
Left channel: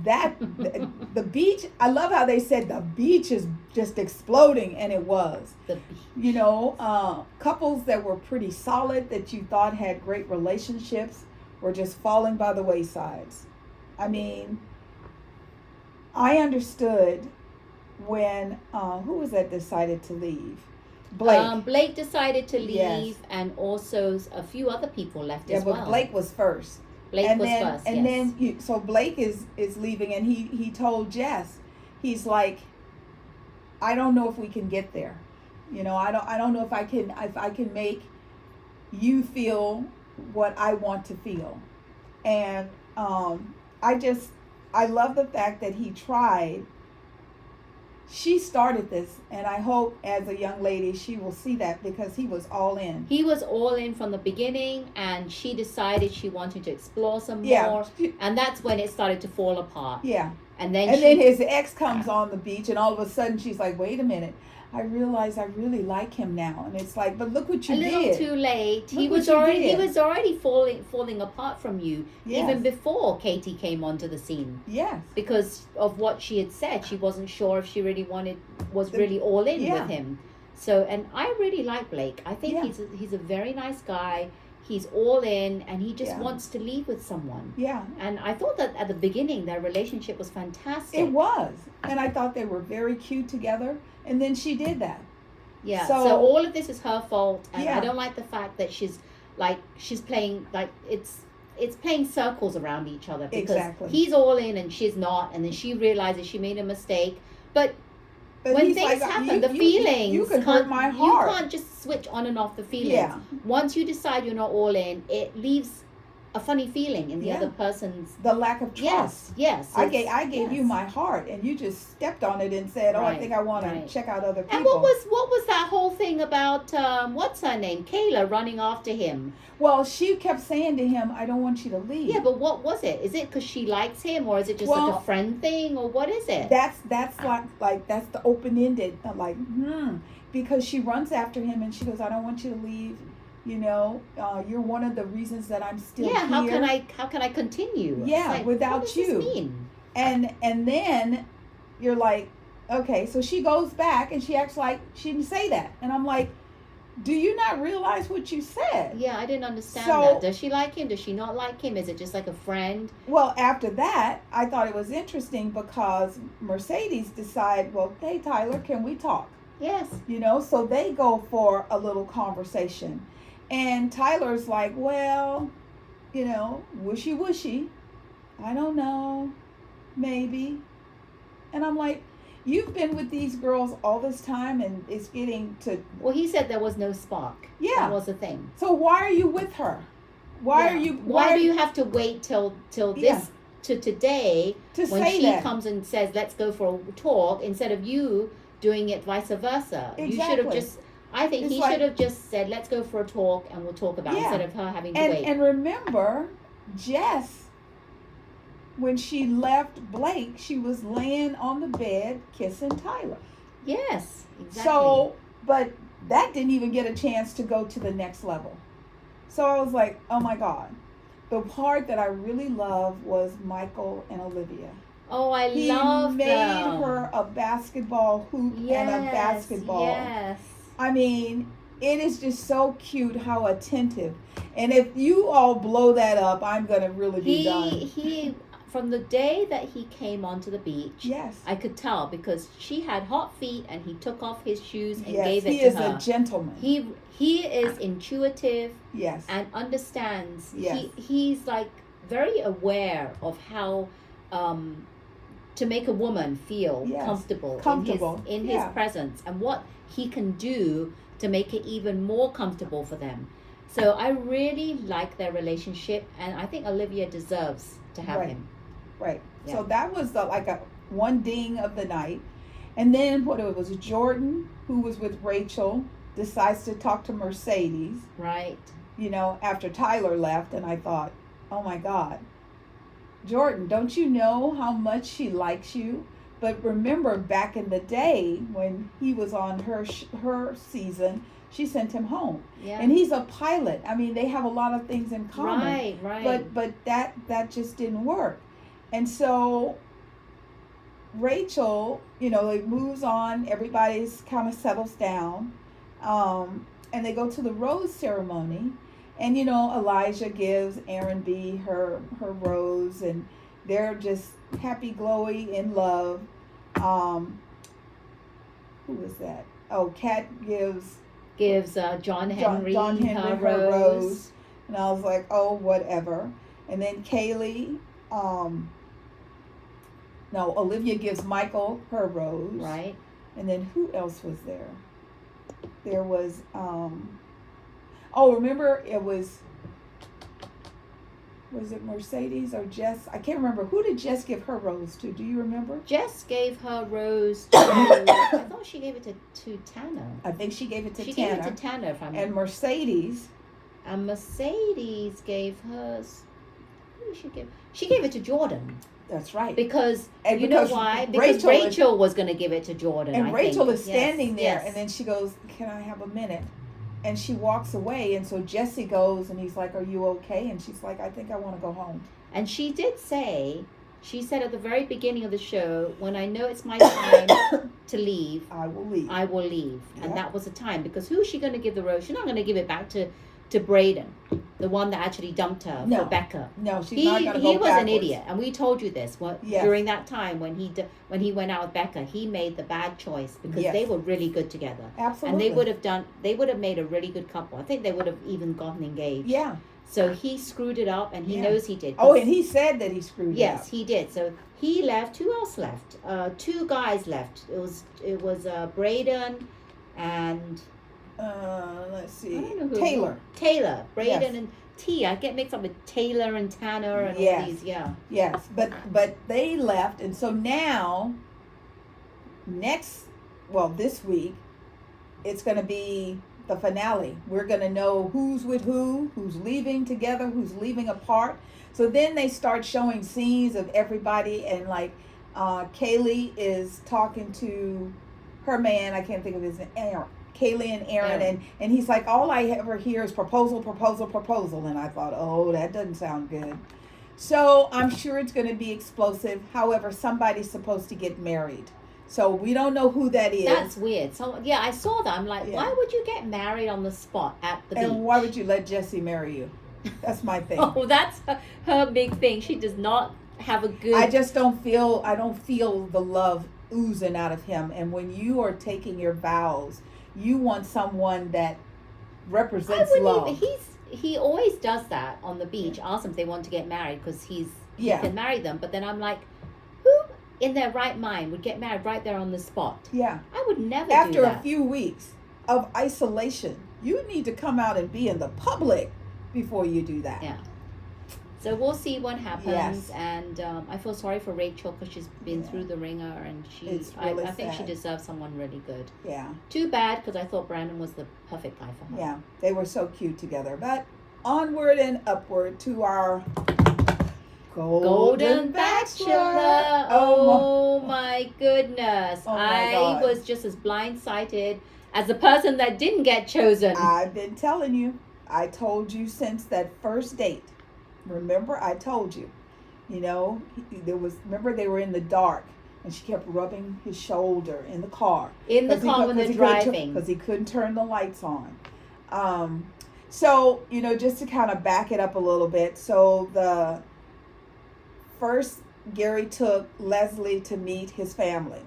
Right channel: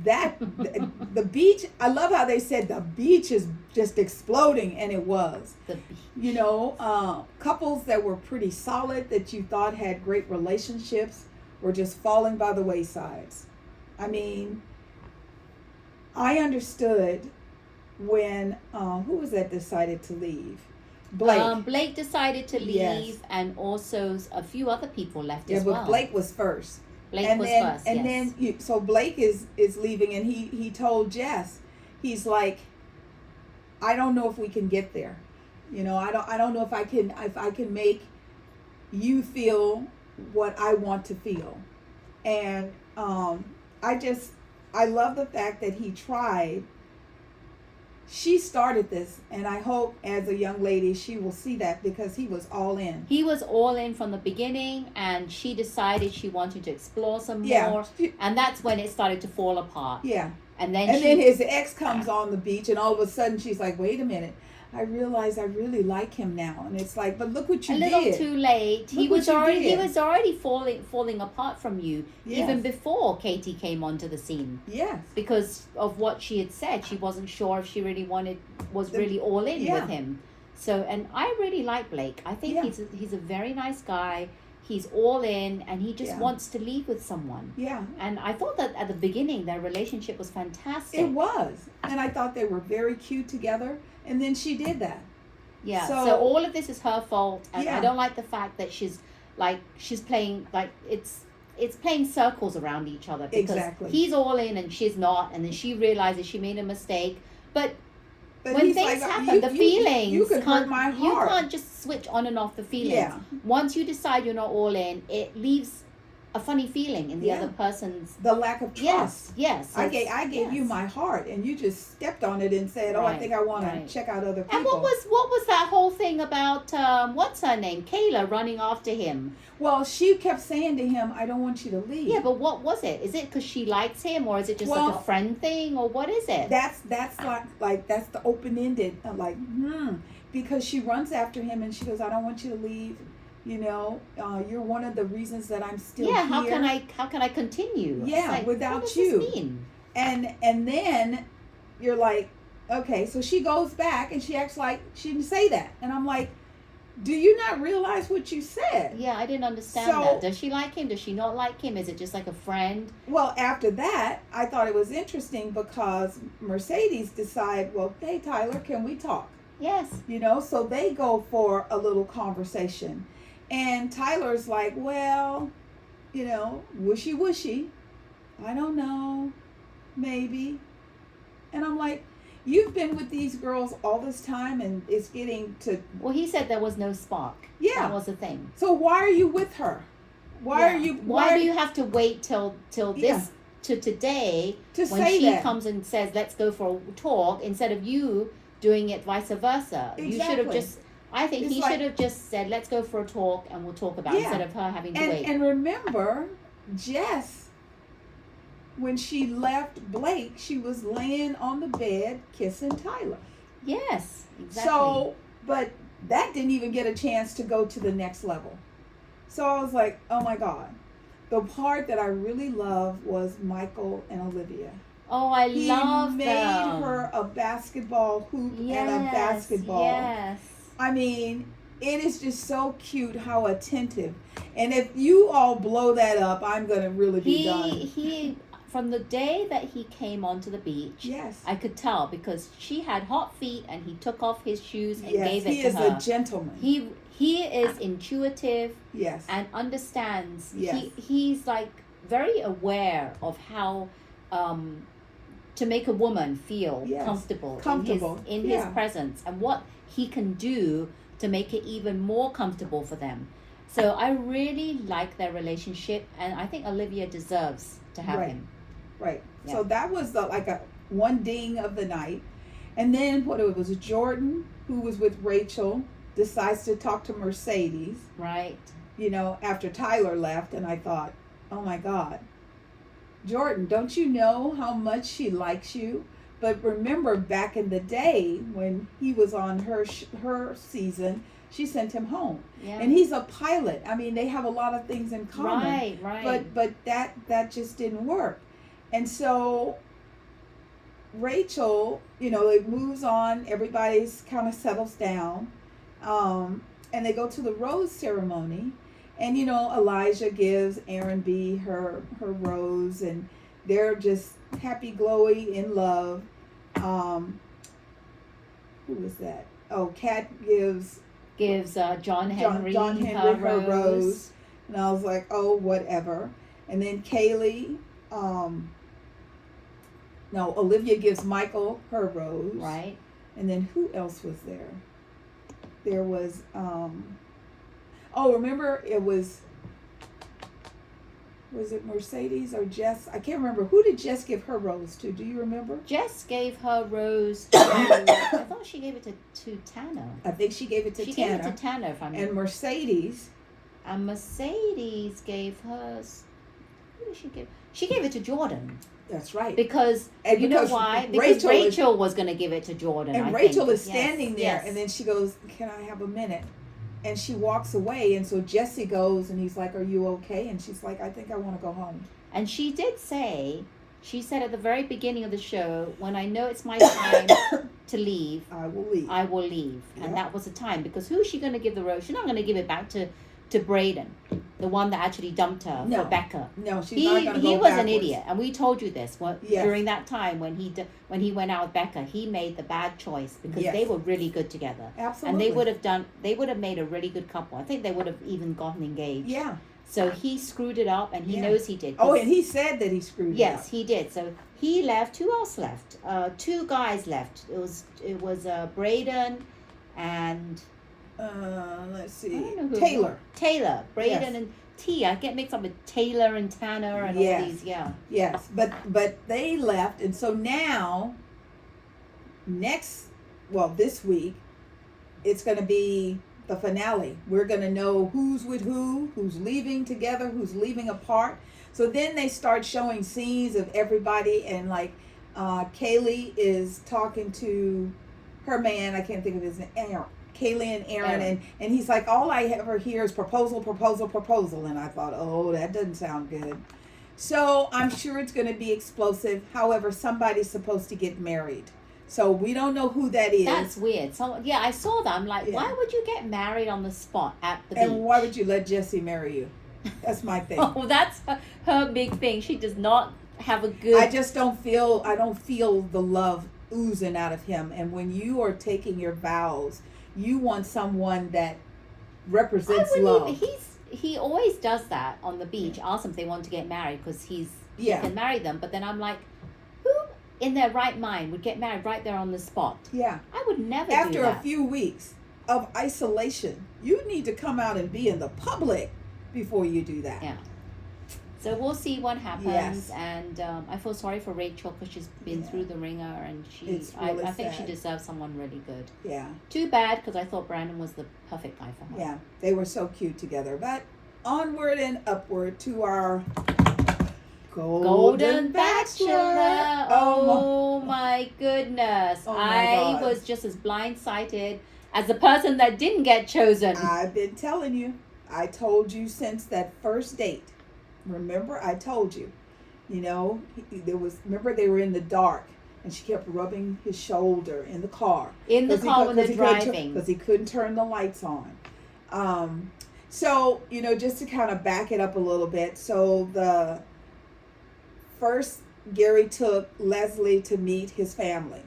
The beach, I love how they said the beach is just exploding, and it was. You know, couples that were pretty solid, that you thought had great relationships, were just falling by the waysides. I mean, I understood when who was that decided to leave? Blake. Blake decided to leave, yes. And also a few other people left as well. Yeah, but Blake was first. So Blake is leaving, and he told Jess, he's like, I don't know if we can get there. You know, I don't know if I can make you feel what I want to feel. And I love the fact that he tried. She started this, and I hope as a young lady she will see that, because he was all in. He was all in from the beginning, and she decided she wanted to explore some more, and that's when it started to fall apart. Yeah. And then his ex comes on the beach, and all of a sudden she's like, wait a minute, I realize I really like him now. And it's like, but look what you did. A little too late. He was already falling apart from you, yes. Even before Katie came onto the scene. Yes. Because of what she had said. She wasn't sure if she really was really all in with him. So, and I really like Blake. I think he's a very nice guy. He's all in, and he just wants to leave with someone. Yeah. And I thought that at the beginning, their relationship was fantastic. It was. And I thought they were very cute together. And then she did that. Yeah. So all of this is her fault. And I don't like the fact that she's playing, like, it's playing circles around each other. Because he's all in and she's not. And then she realizes she made a mistake. But when things happen, the feelings, you can hurt my heart. You can't just switch on and off the feelings. Yeah. Once you decide you're not all in, it leaves a funny feeling in the other person's. The lack of trust. Yes. I gave you my heart, and you just stepped on it and said, I think I want to check out other people. And what was that whole thing about, what's her name? Kayla running after him. Well, she kept saying to him, I don't want you to leave. Yeah, but what was it? Is it because she likes him, or is it just like a friend thing, or what is it? That's like that's the open-ended, because she runs after him and she goes, I don't want you to leave. You know, you're one of the reasons that I'm still here. Yeah, how can I continue? Yeah, like, without what does you. This mean? And then you're like, okay, so she goes back and she acts like she didn't say that. And I'm like, do you not realize what you said? Yeah, I didn't understand that. Does she like him? Does she not like him? Is it just like a friend? Well, after that, I thought it was interesting because Mercedes decide, well, hey, Tyler, can we talk? Yes. You know, so they go for a little conversation. And Tyler's like, well, you know, wishy-washy. I don't know. Maybe. And I'm like, you've been with these girls all this time, and it's getting to... Well, he said there was no spark. Yeah. That was the thing. So why are you with her? Why do you have to wait till this, to today, when she comes and says, let's go for a talk, instead of you doing it vice versa? Exactly. You should have just... I think he should have just said, let's go for a talk and we'll talk about it, instead of her having to wait. And remember, Jess, when she left Blake, she was laying on the bed kissing Tyler. Yes, exactly. So, but that didn't even get a chance to go to the next level. So I was like, oh my God. The part that I really loved was Michael and Olivia. Oh, I love them. He made her a basketball hoop and a basketball. Yes. I mean, it is just so cute how attentive. And if you all blow that up, I'm going to really be done. He, from the day that he came onto the beach, yes, I could tell, because she had hot feet and he took off his shoes and gave it to her. He is a gentleman. He is intuitive, yes, and understands. Yes. He's like very aware of how to make a woman feel comfortable in his presence, and what he can do to make it even more comfortable for them. So I really like their relationship, and I think Olivia deserves to have him. Right. Yeah. So that was like a one ding of the night. And then what it was Jordan, who was with Rachel, decides to talk to Mercedes. Right. You know, after Tyler left, and I thought, oh my God, Jordan, don't you know how much she likes you? But remember, back in the day when he was on her season, she sent him home. Yeah. And he's a pilot. I mean, they have a lot of things in common. Right. But that just didn't work. And so Rachel, you know, it moves on. Everybody's kind of settles down. And they go to the rose ceremony. And, you know, Elijah gives Aaron B her rose. And they're just happy, glowy, in love. Who is that? Oh, Kat gives John Henry her rose. And I was like, oh, whatever. And then Kaylee, Olivia gives Michael her rose. Right. And then who else was there? There was, remember it was it Mercedes or Jess? I can't remember. Who did Jess give her rose to? Do you remember? Jess gave her rose to, I thought she gave it to Tanner. I think she gave it to Tanner. She gave it to Tanner, if I'm And Mercedes. And Mercedes gave hers, who did she give? She gave it to Jordan. That's right. Because you know why? Because Rachel was going to give it to Jordan. And Rachel is standing there, yes. And then she goes, "Can I have a minute?" And she walks away, and so Jesse goes, and he's like, "Are you okay?" And she's like, "I think I want to go home." And she said at the very beginning of the show, when I know it's my time to leave, I will leave. Yep. And that was the time, because who is she going to give the rose? She's not going to give it back to Braden, the one that actually dumped her for Becca. No, she's not going to go He was backwards. an idiot, and we told you this during that time when he went out with Becca. He made the bad choice because they were really good together. Absolutely. And they would have made a really good couple. I think they would have even gotten engaged. Yeah. So he screwed it up, and he knows he did. Oh, and he said that he screwed it up. Yes, he did. So he left. Who else left? Two guys left. It was Braden and. Let's see. Taylor. Braden and Tia. I get mixed up with Taylor and Tanner and all these. Yeah. Yes, but they left, and so now, this week, it's going to be the finale. We're going to know who's with who's leaving together, who's leaving apart. So then they start showing scenes of everybody, and like Kaylee is talking to her man. I can't think of his name. Kaylee and Aaron, and he's like, all I ever hear is proposal. And I thought, oh, that doesn't sound good. So I'm sure it's going to be explosive. However, somebody's supposed to get married. So we don't know who that is. That's weird. So yeah, I saw that. I'm like, why would you get married on the spot at the beach? And why would you let Jesse marry you? That's my thing. Oh, that's her big thing. She does not have a good... I don't feel the love oozing out of him. And when you are taking your vows, you want someone that represents love. He always does that on the beach. Ask them if they want to get married because he can marry them. But then I'm like, who in their right mind would get married right there on the spot? Yeah. I would never do After that. a few weeks of isolation, you need to come out and be in the public before you do that. Yeah. So we'll see what happens, and I feel sorry for Rachel because she's been through the ringer, and I think she deserves someone really good. Yeah. Too bad because I thought Brandon was the perfect guy for her. Yeah, they were so cute together. But onward and upward to our Golden Bachelor. Oh my goodness! Oh my God. Was just as blindsided as the person that didn't get chosen. I've been telling you. I told you since that first date. Remember, I told you, remember they were in the dark and she kept rubbing his shoulder in the car. When they're driving. Because he couldn't turn the lights on. So, just to kind of back it up a little bit. So Gary took Leslie to meet his family,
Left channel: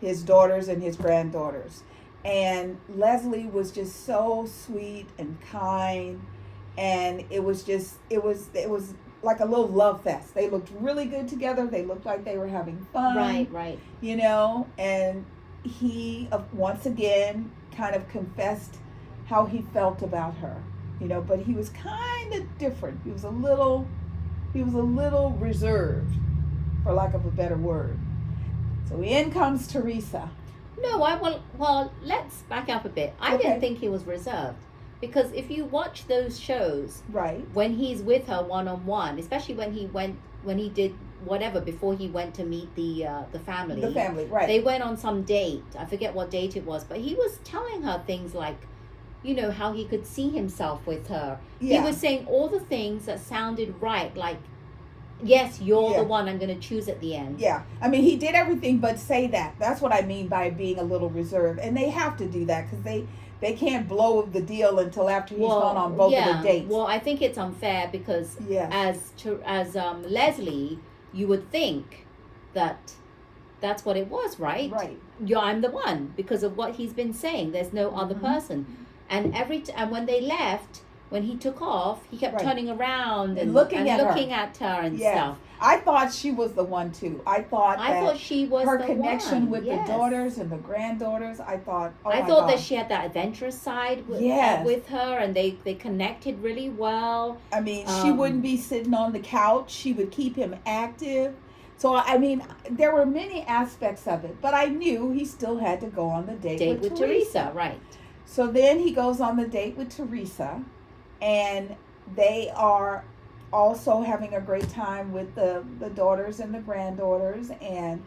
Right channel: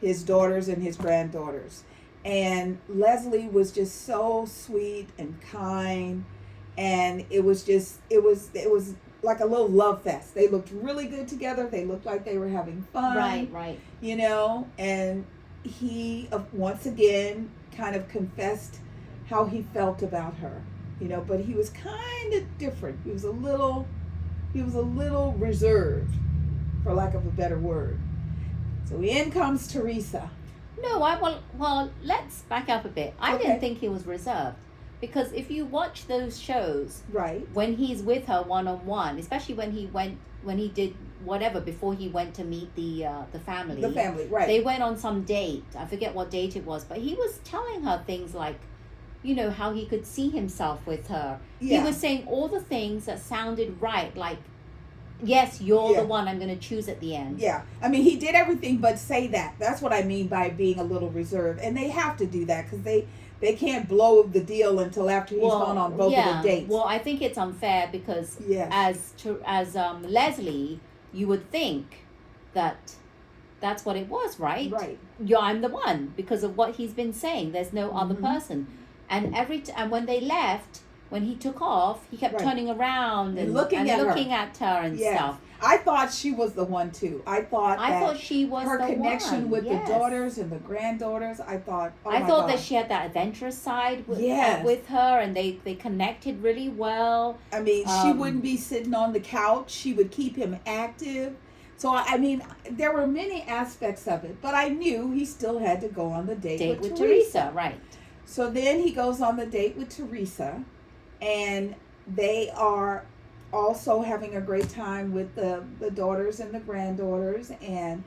his daughters and his granddaughters. And Leslie was just so sweet and kind. And it was like a little love fest. They looked really good together. They looked like they were having fun. Right. And he, once again, kind of confessed how he felt about her, but he was kind of different. He was a little reserved, for lack of a better word. So in comes Teresa. No, well, let's back up a bit. I didn't think he was reserved. Because if you watch those shows, right, when he's with her one-on-one, especially when he did whatever before he went to meet the family. The family, right. They went on some date. I forget what date it was, but he was telling her things like, you know, how he could see himself with her. Yeah. He was saying all the things that sounded right, like, yes, you're the one I'm going to choose at the end. Yeah. I mean, he did everything but say that. That's what I mean by being a little reserved. And they have to do that because they can't blow the deal until after he's gone on both of the dates. Well, I think it's unfair because as Leslie, you would think that that's what it was, right? Right. I'm the one because of what he's been saying. There's no other person. And and when they left, when he took off, he kept turning around and looking at her and stuff. I thought she was the one too. I thought she was her the connection one. with the daughters and the granddaughters. I thought that she had that adventurous side with her, and they connected really well. I mean, she wouldn't be sitting on the couch. She would keep him active. So I mean, there were many aspects of it, but I knew he still had to go on the date with Teresa. Right. So then he goes on the date with Teresa, and they are also having a great time with the daughters and the granddaughters. And,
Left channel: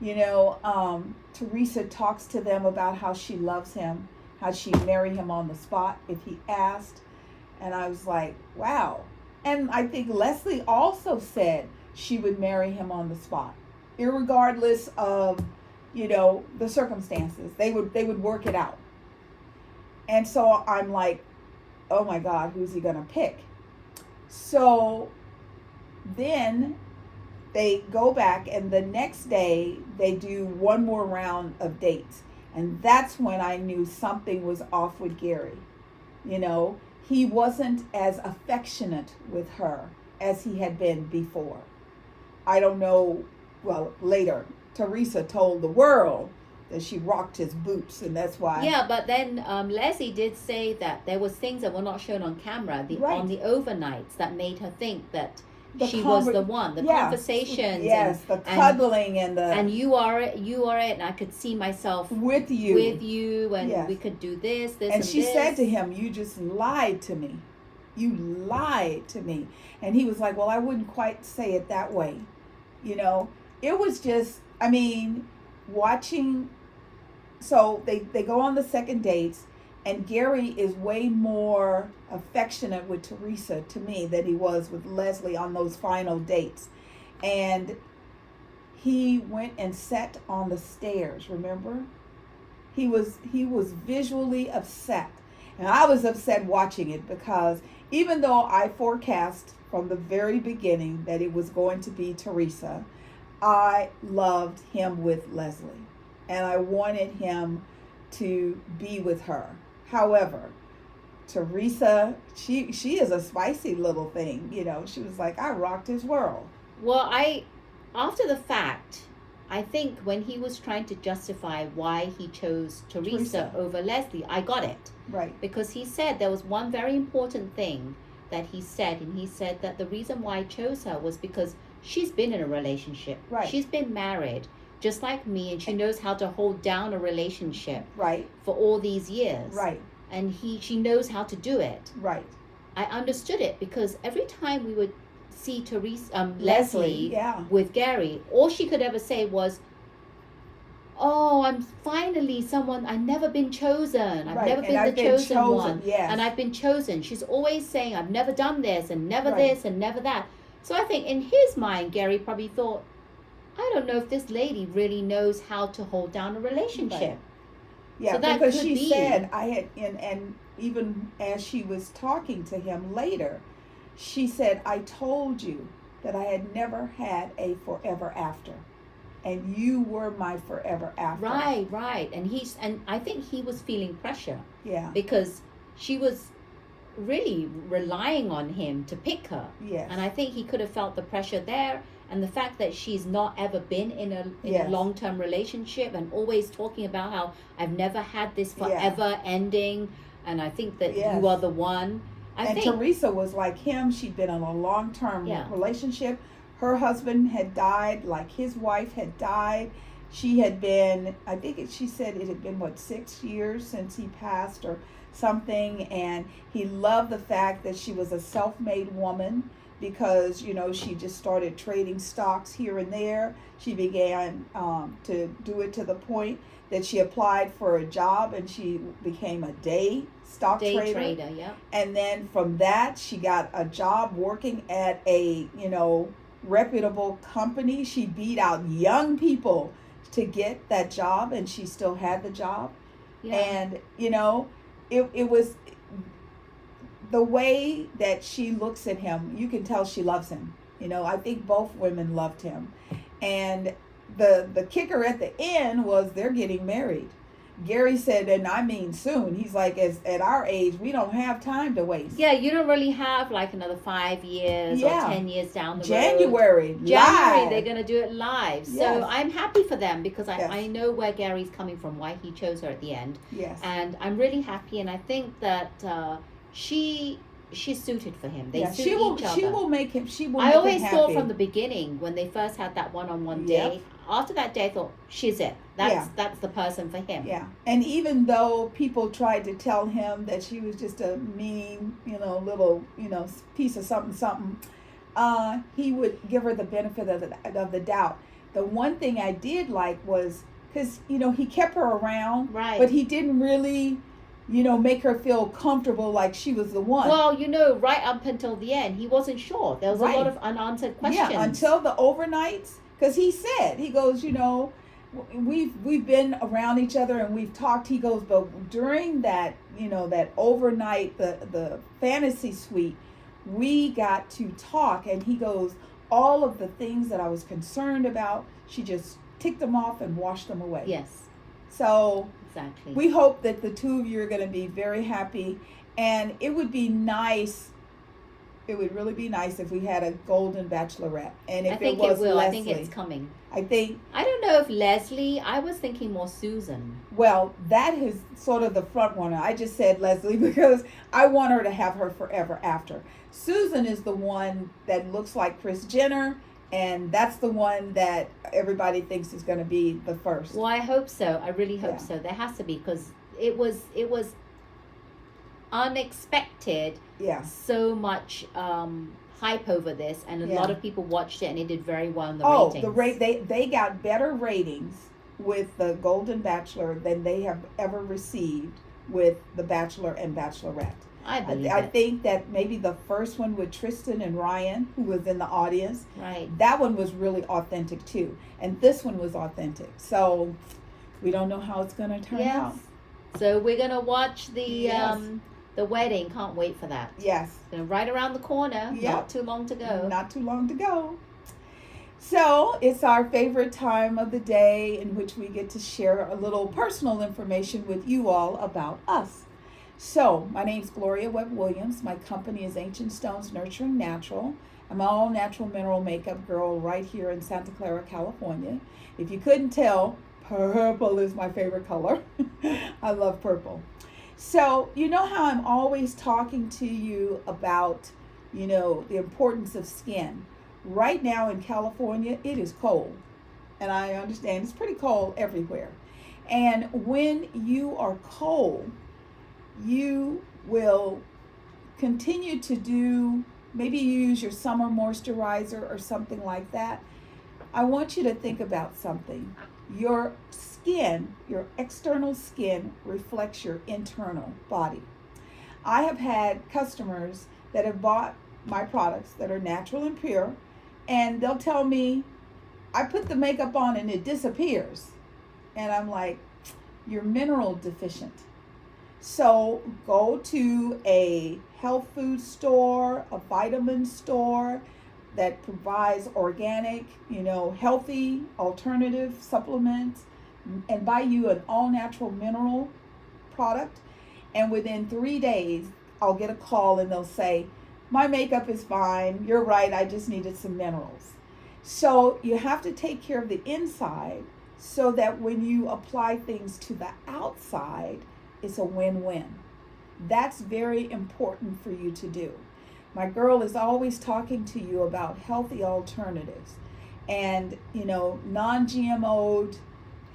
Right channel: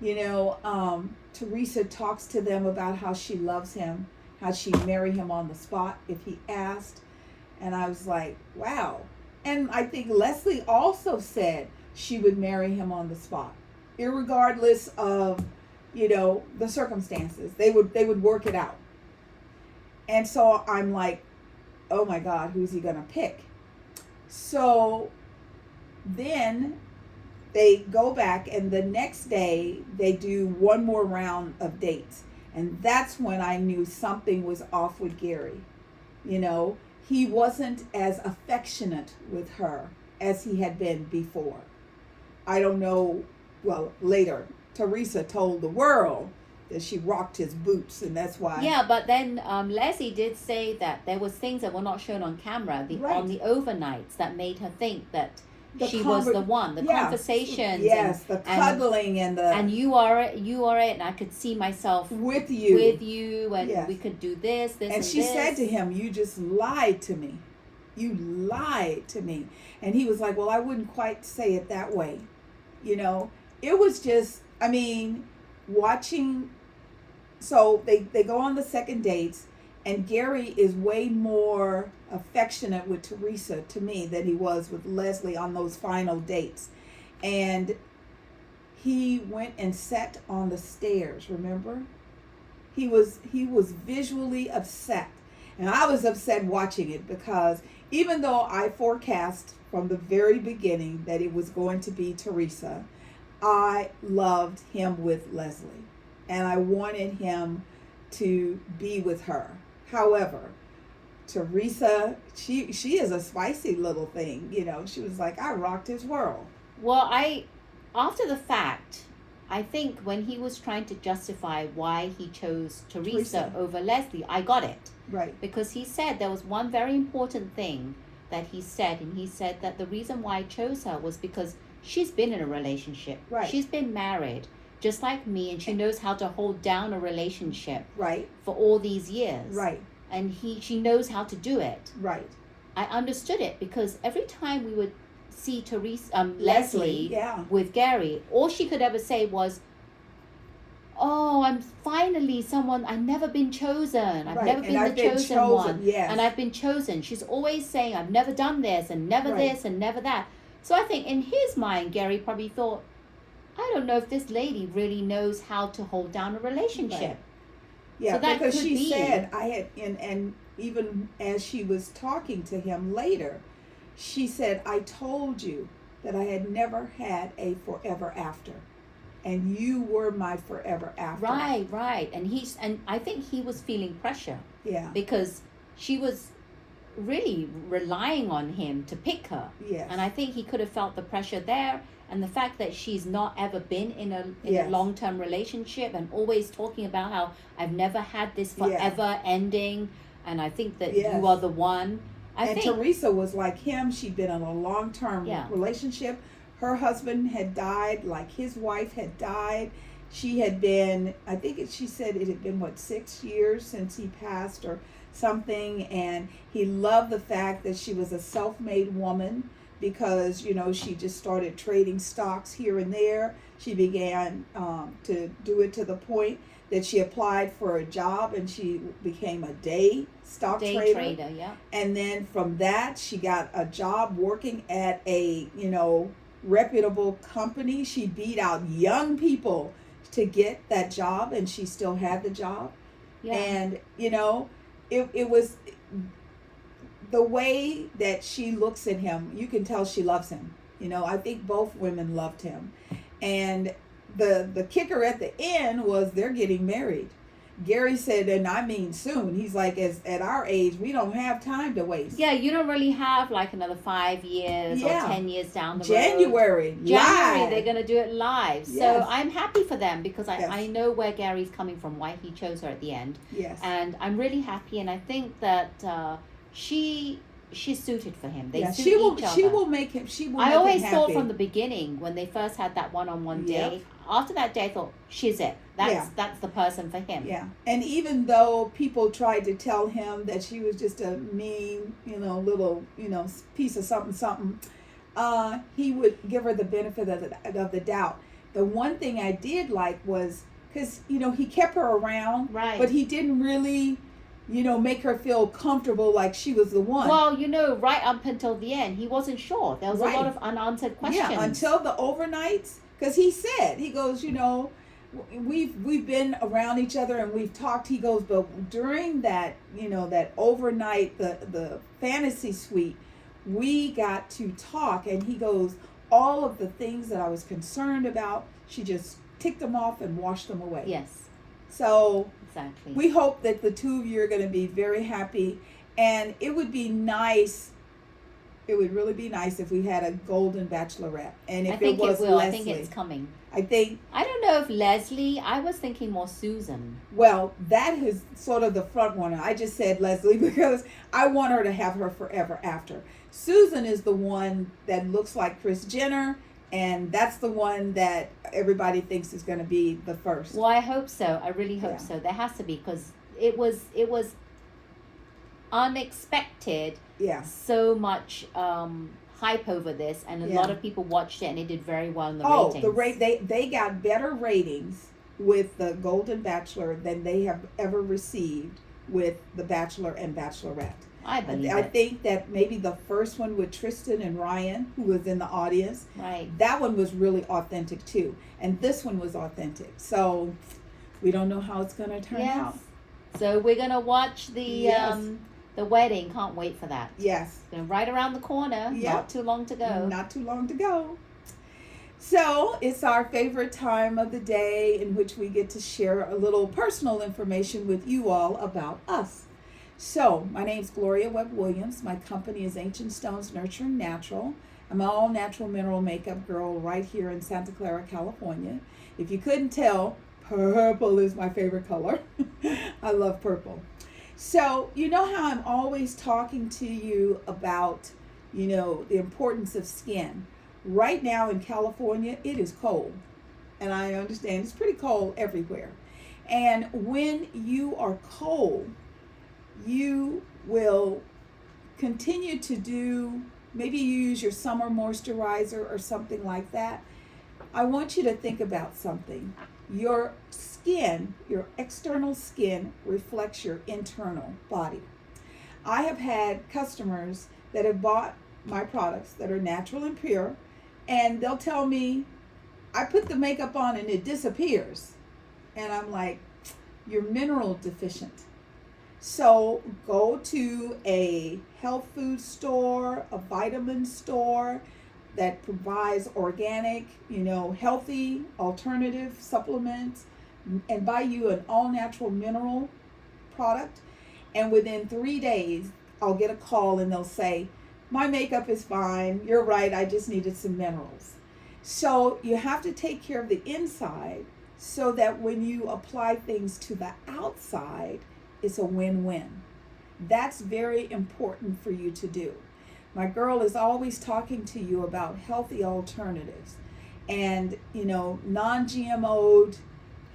you know, Teresa talks to them about how she loves him, how she'd marry him on the spot if he asked. And I was like, wow. And I think Leslie also said she would marry him on the spot, irregardless of, you know, the circumstances. They would work it out. And so I'm like, oh my God, who's he gonna pick? So then they go back, and the next day they do one more round of dates. And that's when I knew something was off with Gary. You know, he wasn't as affectionate with her as he had been before. I don't know, well, later, Teresa told the world that she rocked his boots, and that's why. Yeah, but then Leslie did say that there was things that were not shown on camera on the overnights that made her think that she was the one. The conversations, the cuddling and you are it, and I could see myself with you, and we could do this, and she said to him, "You just lied to me. You lied to me." And he was like, "Well, I wouldn't quite say it that way." You know, it was just, I mean, watching. So they go on the second dates, and Gary is way more affectionate with Teresa to me than he was with Leslie on those final dates. And he went and sat on the stairs, remember? He was visually upset. And I was upset watching it because even though I forecast from the very beginning that it was going to be Teresa, I loved him with Leslie. And I wanted him to be with her. However, Teresa, she is a spicy little thing. You know, she was like, I rocked his world. Well, after the fact, I think when he was trying to justify why he chose Teresa over Leslie, I got it. Right. Because he said there was one very important thing that he said. And he said that the reason why I chose her was because she's been in a relationship. Right. She's been married. Just like me, and she knows how to hold down a relationship for all these years. Right. And she knows how to do it. Right. I understood it because every time we would see Leslie with Gary, all she could ever say was, "Oh, I'm finally someone. I've never been chosen. I've never been the chosen one. Yes. And I've been chosen." She's always saying, "I've never done this and never this and never that." So I think in his mind, Gary probably thought, I don't know if this lady really knows how to hold down a relationship. Right. Yeah, so that because she said, I had, and even as she was talking to him later, she said, I told you that I had never had a forever after. And you were my forever after. Right. And I think he was feeling pressure. Yeah. Because she was really relying on him to pick her. Yes. And I think he could have felt the pressure there. And the fact that she's not ever been in a long-term relationship and always talking about how I've never had this forever ending, and I think that you are the one. I think Teresa was like him. She'd been in a long-term relationship. Her husband had died, like his wife had died. She had been, I think she said it had been, 6 years since he passed or something. And he loved the fact that she was a self-made woman because, she just started trading stocks here and there. She began to do it to the point that she applied for a job and she became a day trader. Yeah. And then from that, she got a job working at a, reputable company. She beat out young people to get that job, and she still had the job. Yeah. And, it was the way that she looks at him. You can tell she loves him. I think both women loved him. And the kicker at the end was they're getting married. Gary said, and I mean soon. He's like, at our age, we don't have time to waste. Yeah, you don't really have like another 5 years or 10 years down the road. January, they're going to do it live. Yes. So I'm happy for them because I know where Gary's coming from, why he chose her at the end. Yes. And I'm really happy, and I think that she's suited for him. They suit each other. She will make him. I always thought from the beginning when they first had that one-on-one day. After that day, I thought she's it. That's the person for him. Yeah. And even though people tried to tell him that she was just a mean, little, piece of something, he would give her the benefit of the doubt. The one thing I did like was because he kept her around, right? But he didn't really, make her feel comfortable like she was the one. Well, right up until the end, he wasn't sure. There was a lot of unanswered questions. Yeah, until the overnights, because he goes, we've been around each other and we've talked. He goes, but during that, that overnight, the fantasy suite, we got to talk. And he goes, all of the things that I was concerned about, she just ticked them off and washed them away. Yes. So exactly. We hope that the two of you are going to be very happy. And it would be nice. It would really be nice if we had a golden bachelorette. And if I think it was will. Leslie. I think it's coming. I don't know if Leslie. I was thinking more Susan. Well, that is sort of the front runner. I just said Leslie because I want her to have her forever after. Susan is the one that looks like Kris Jenner, and that's the one that everybody thinks is going to be the first. Well, I hope so. I really hope so. There has to be, because it was unexpected. Yeah. So much hype over this, and a lot of people watched it, and it did very well in the ratings. They got better ratings with the Golden Bachelor than they have ever received with the Bachelor and Bachelorette. I think that maybe the first one with Tristan and Ryan, who was in the audience, right? That one was really authentic too, and this one was authentic. So we don't know how it's going to turn out. So we're going to watch the wedding. Can't wait for that. Yes. It's right around the corner. Yep. Not too long to go. Not too long to go. So it's our favorite time of the day in which we get to share a little personal information with you all about us. So my name's Gloria Webb Williams. My company is Ancient Stones Nurturing Natural. I'm an all natural mineral makeup girl right here in Santa Clara, California. If you couldn't tell, purple is my favorite color. I love purple. So, you know how I'm always talking to you about, the importance of skin. Right now in California, it is cold. And I understand it's pretty cold everywhere. And when you are cold, you will continue to do, maybe you use your summer moisturizer or something like that. I want you to think about something. Your skin, your external skin, reflects your internal body. I have had customers that have bought my products that are natural and pure, and they'll tell me, I put the makeup on and it disappears. And I'm like, you're mineral deficient. So go to a health food store, a vitamin store that provides organic, healthy alternative supplements, and buy you an all-natural mineral product. And within 3 days, I'll get a call and they'll say, my makeup is fine. You're right. I just needed some minerals. So you have to take care of the inside so that when you apply things to the outside, it's a win-win. That's very important for you to do. My girl is always talking to you about healthy alternatives and, non-GMO'd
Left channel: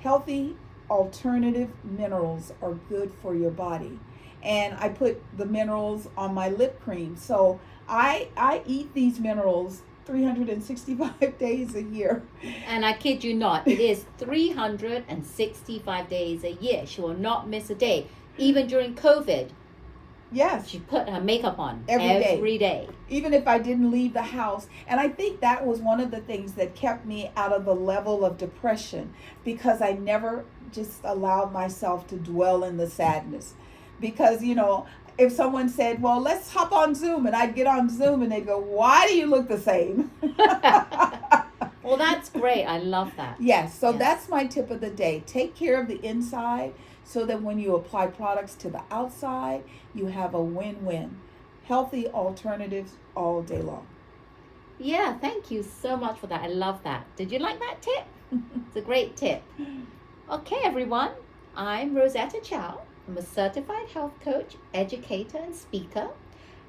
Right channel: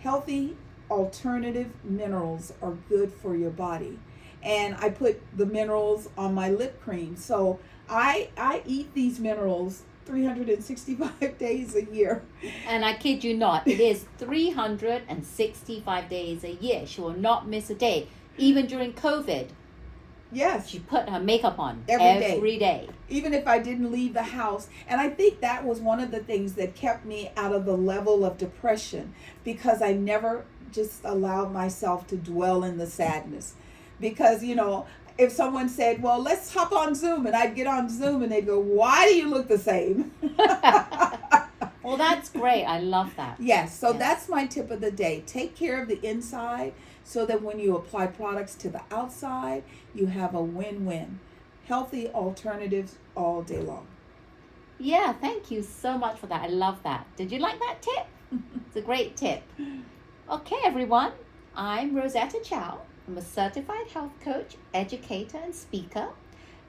Healthy alternative minerals are good for your body. And I put the minerals on my lip cream. So I eat these minerals 365 days a year. And I kid you not, it is 365 days a year. She will not miss a day. Even during COVID. Yes. She put her makeup on every day. Even if I didn't leave the house. And I think that was one of the things that kept me out of the level of depression, because I never just allowed myself to dwell in the sadness. Because, you know, if someone said, well, let's hop on Zoom, and I'd get on Zoom and they'd go, why do you look the same? Well, that's great. I love that. Yes. So that's my tip of the day. Take care of the inside so that when you apply products to the outside, you have a win-win. Healthy alternatives all day long. Yeah, thank you so much for that. I love that. Did you like that tip? It's a great tip. Okay, everyone. I'm Rosetta Chow. I'm a certified health coach, educator, and speaker.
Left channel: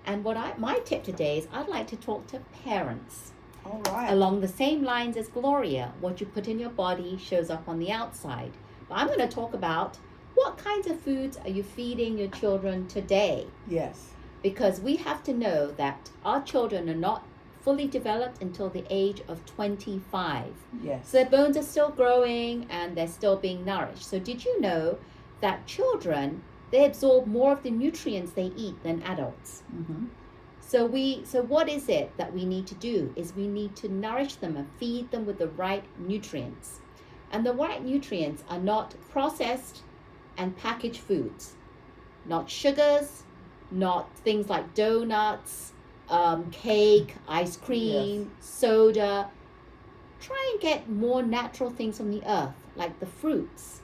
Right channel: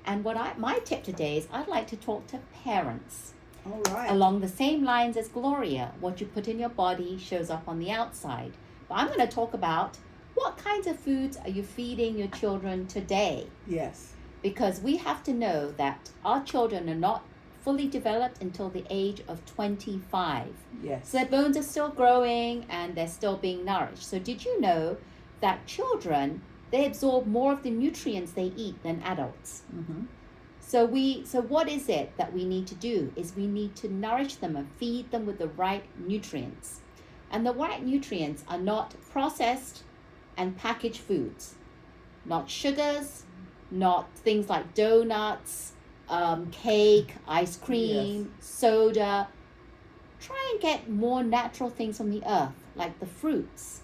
And my tip today is I'd like to talk to parents. All right. Along the same lines as Gloria, what you put in your body shows up on the outside. But I'm going to talk about what kinds of foods are you feeding your children today? Yes. Because we have to know that our children are not fully developed until the age of 25. Yes. So their bones are still growing and they're still being nourished. So did you know that children, they absorb more of the nutrients they eat than adults? Mm-hmm. So what is it that we need to do is we need to nourish them and feed them with the right nutrients. And the right nutrients are not processed and packaged foods, not sugars, not things like donuts, cake, ice cream, soda. Try and get more natural things from the earth, like the fruits,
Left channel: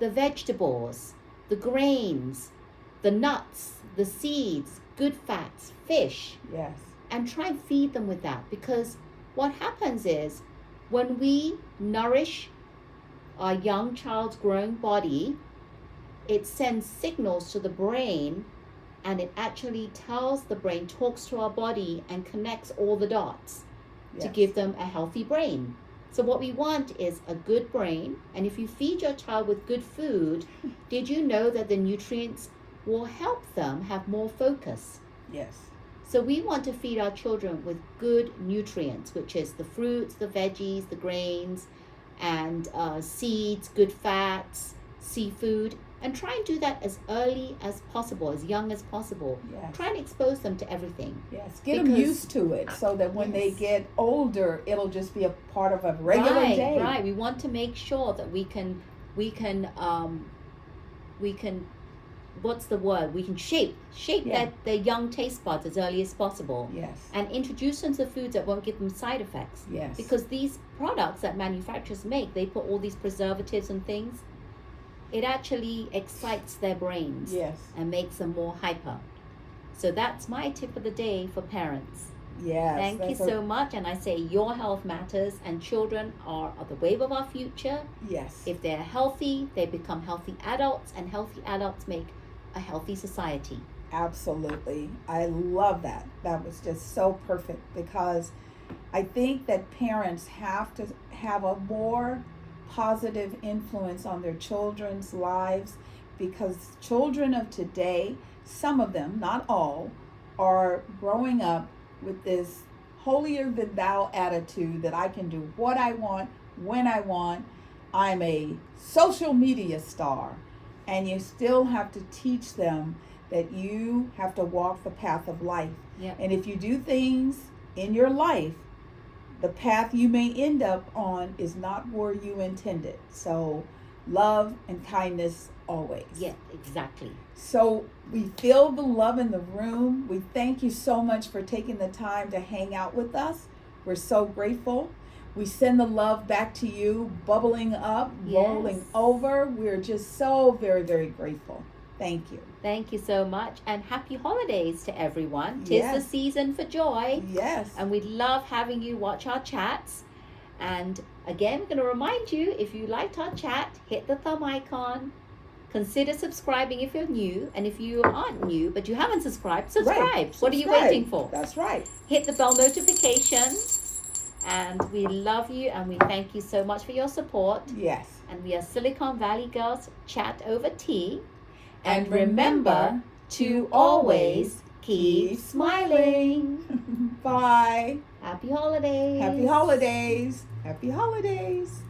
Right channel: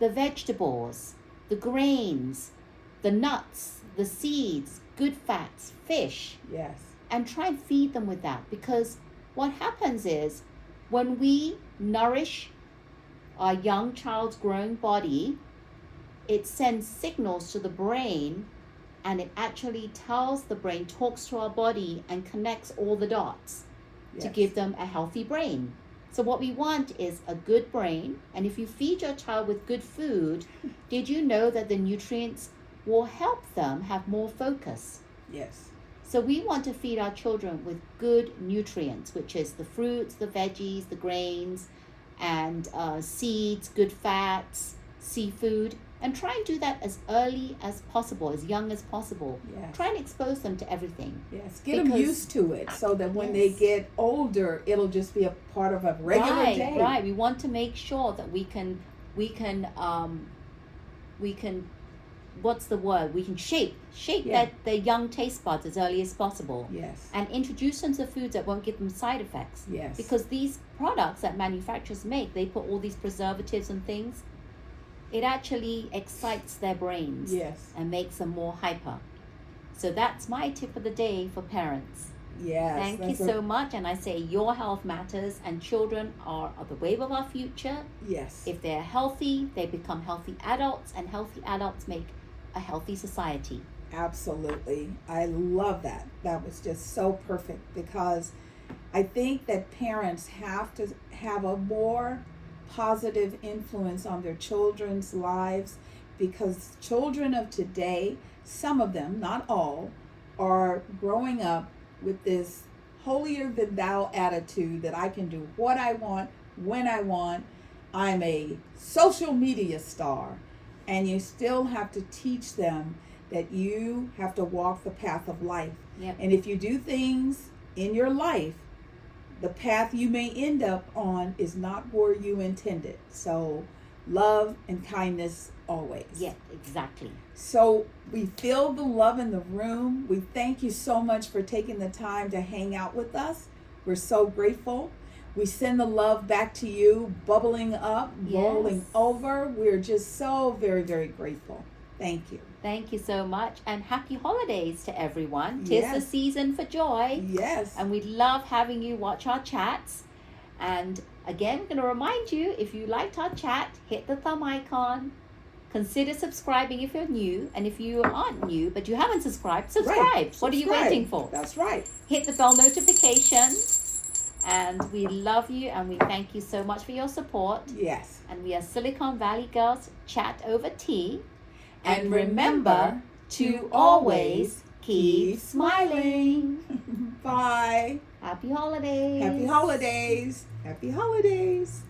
the vegetables, the grains, the nuts, the seeds, good fats, fish. Yes. And try and feed them with that, because what happens is when we nourish our young child's growing body, it sends signals to the brain, and it actually tells the brain, talks to our body and connects all the dots to give them a healthy brain. So what we want is a good brain. And if you feed your child with good food, did you know that the nutrients will help them have more focus? Yes. So we want to feed our children with good nutrients, which is the fruits, the veggies, the grains, and seeds, good fats, seafood. And try and do that as early as possible, as young as possible. Yes. Try and expose them to everything. Yes, get them used to it so that when they get older, it'll just be a part of a regular day. Right. We want to make sure that we can, what's the word? We can shape their young taste buds as early as possible. Yes. And introduce them to foods that won't give them side effects. Yes. Because these products that manufacturers make, they put all these preservatives and things. It actually excites their brains and makes them more hyper. So that's my tip of the day for parents. Yes. Thank you so much. And I say your health matters, and children are the wave of our future. Yes. If they're healthy, they become healthy adults, and healthy adults make a healthy society. Absolutely. I love that. That was just so perfect, because I think that parents have to have a more positive influence on their children's lives, because children of today, some of them, not all, are growing up with this holier than thou attitude that I can do what I want, when I want. I'm a social media star. And you still have to teach them that you have to walk the path of life. Yep. And if you do things in your life, the path you may end up on is not where you intended. So love and kindness always. Yeah, exactly. So we feel the love in the room. We thank you so much for taking the time to hang out with us. We're so grateful. We send the love back to you, bubbling up, rolling over. We're just so very, very grateful. Thank you. Thank you so much, and happy holidays to everyone. 'Tis the season for joy. Yes. And we love having you watch our chats. And again, I'm going to remind you, if you liked our chat, hit the thumb icon. Consider subscribing if you're new. And if you aren't new, but you haven't subscribed, subscribe. Right. What are you waiting for? That's right. Hit the bell notification. And we love you, and we thank you so much for your support. Yes. And we are Silicon Valley Girls Chat Over Tea. And remember to always keep smiling. Bye. Happy holidays. Happy holidays. Happy holidays.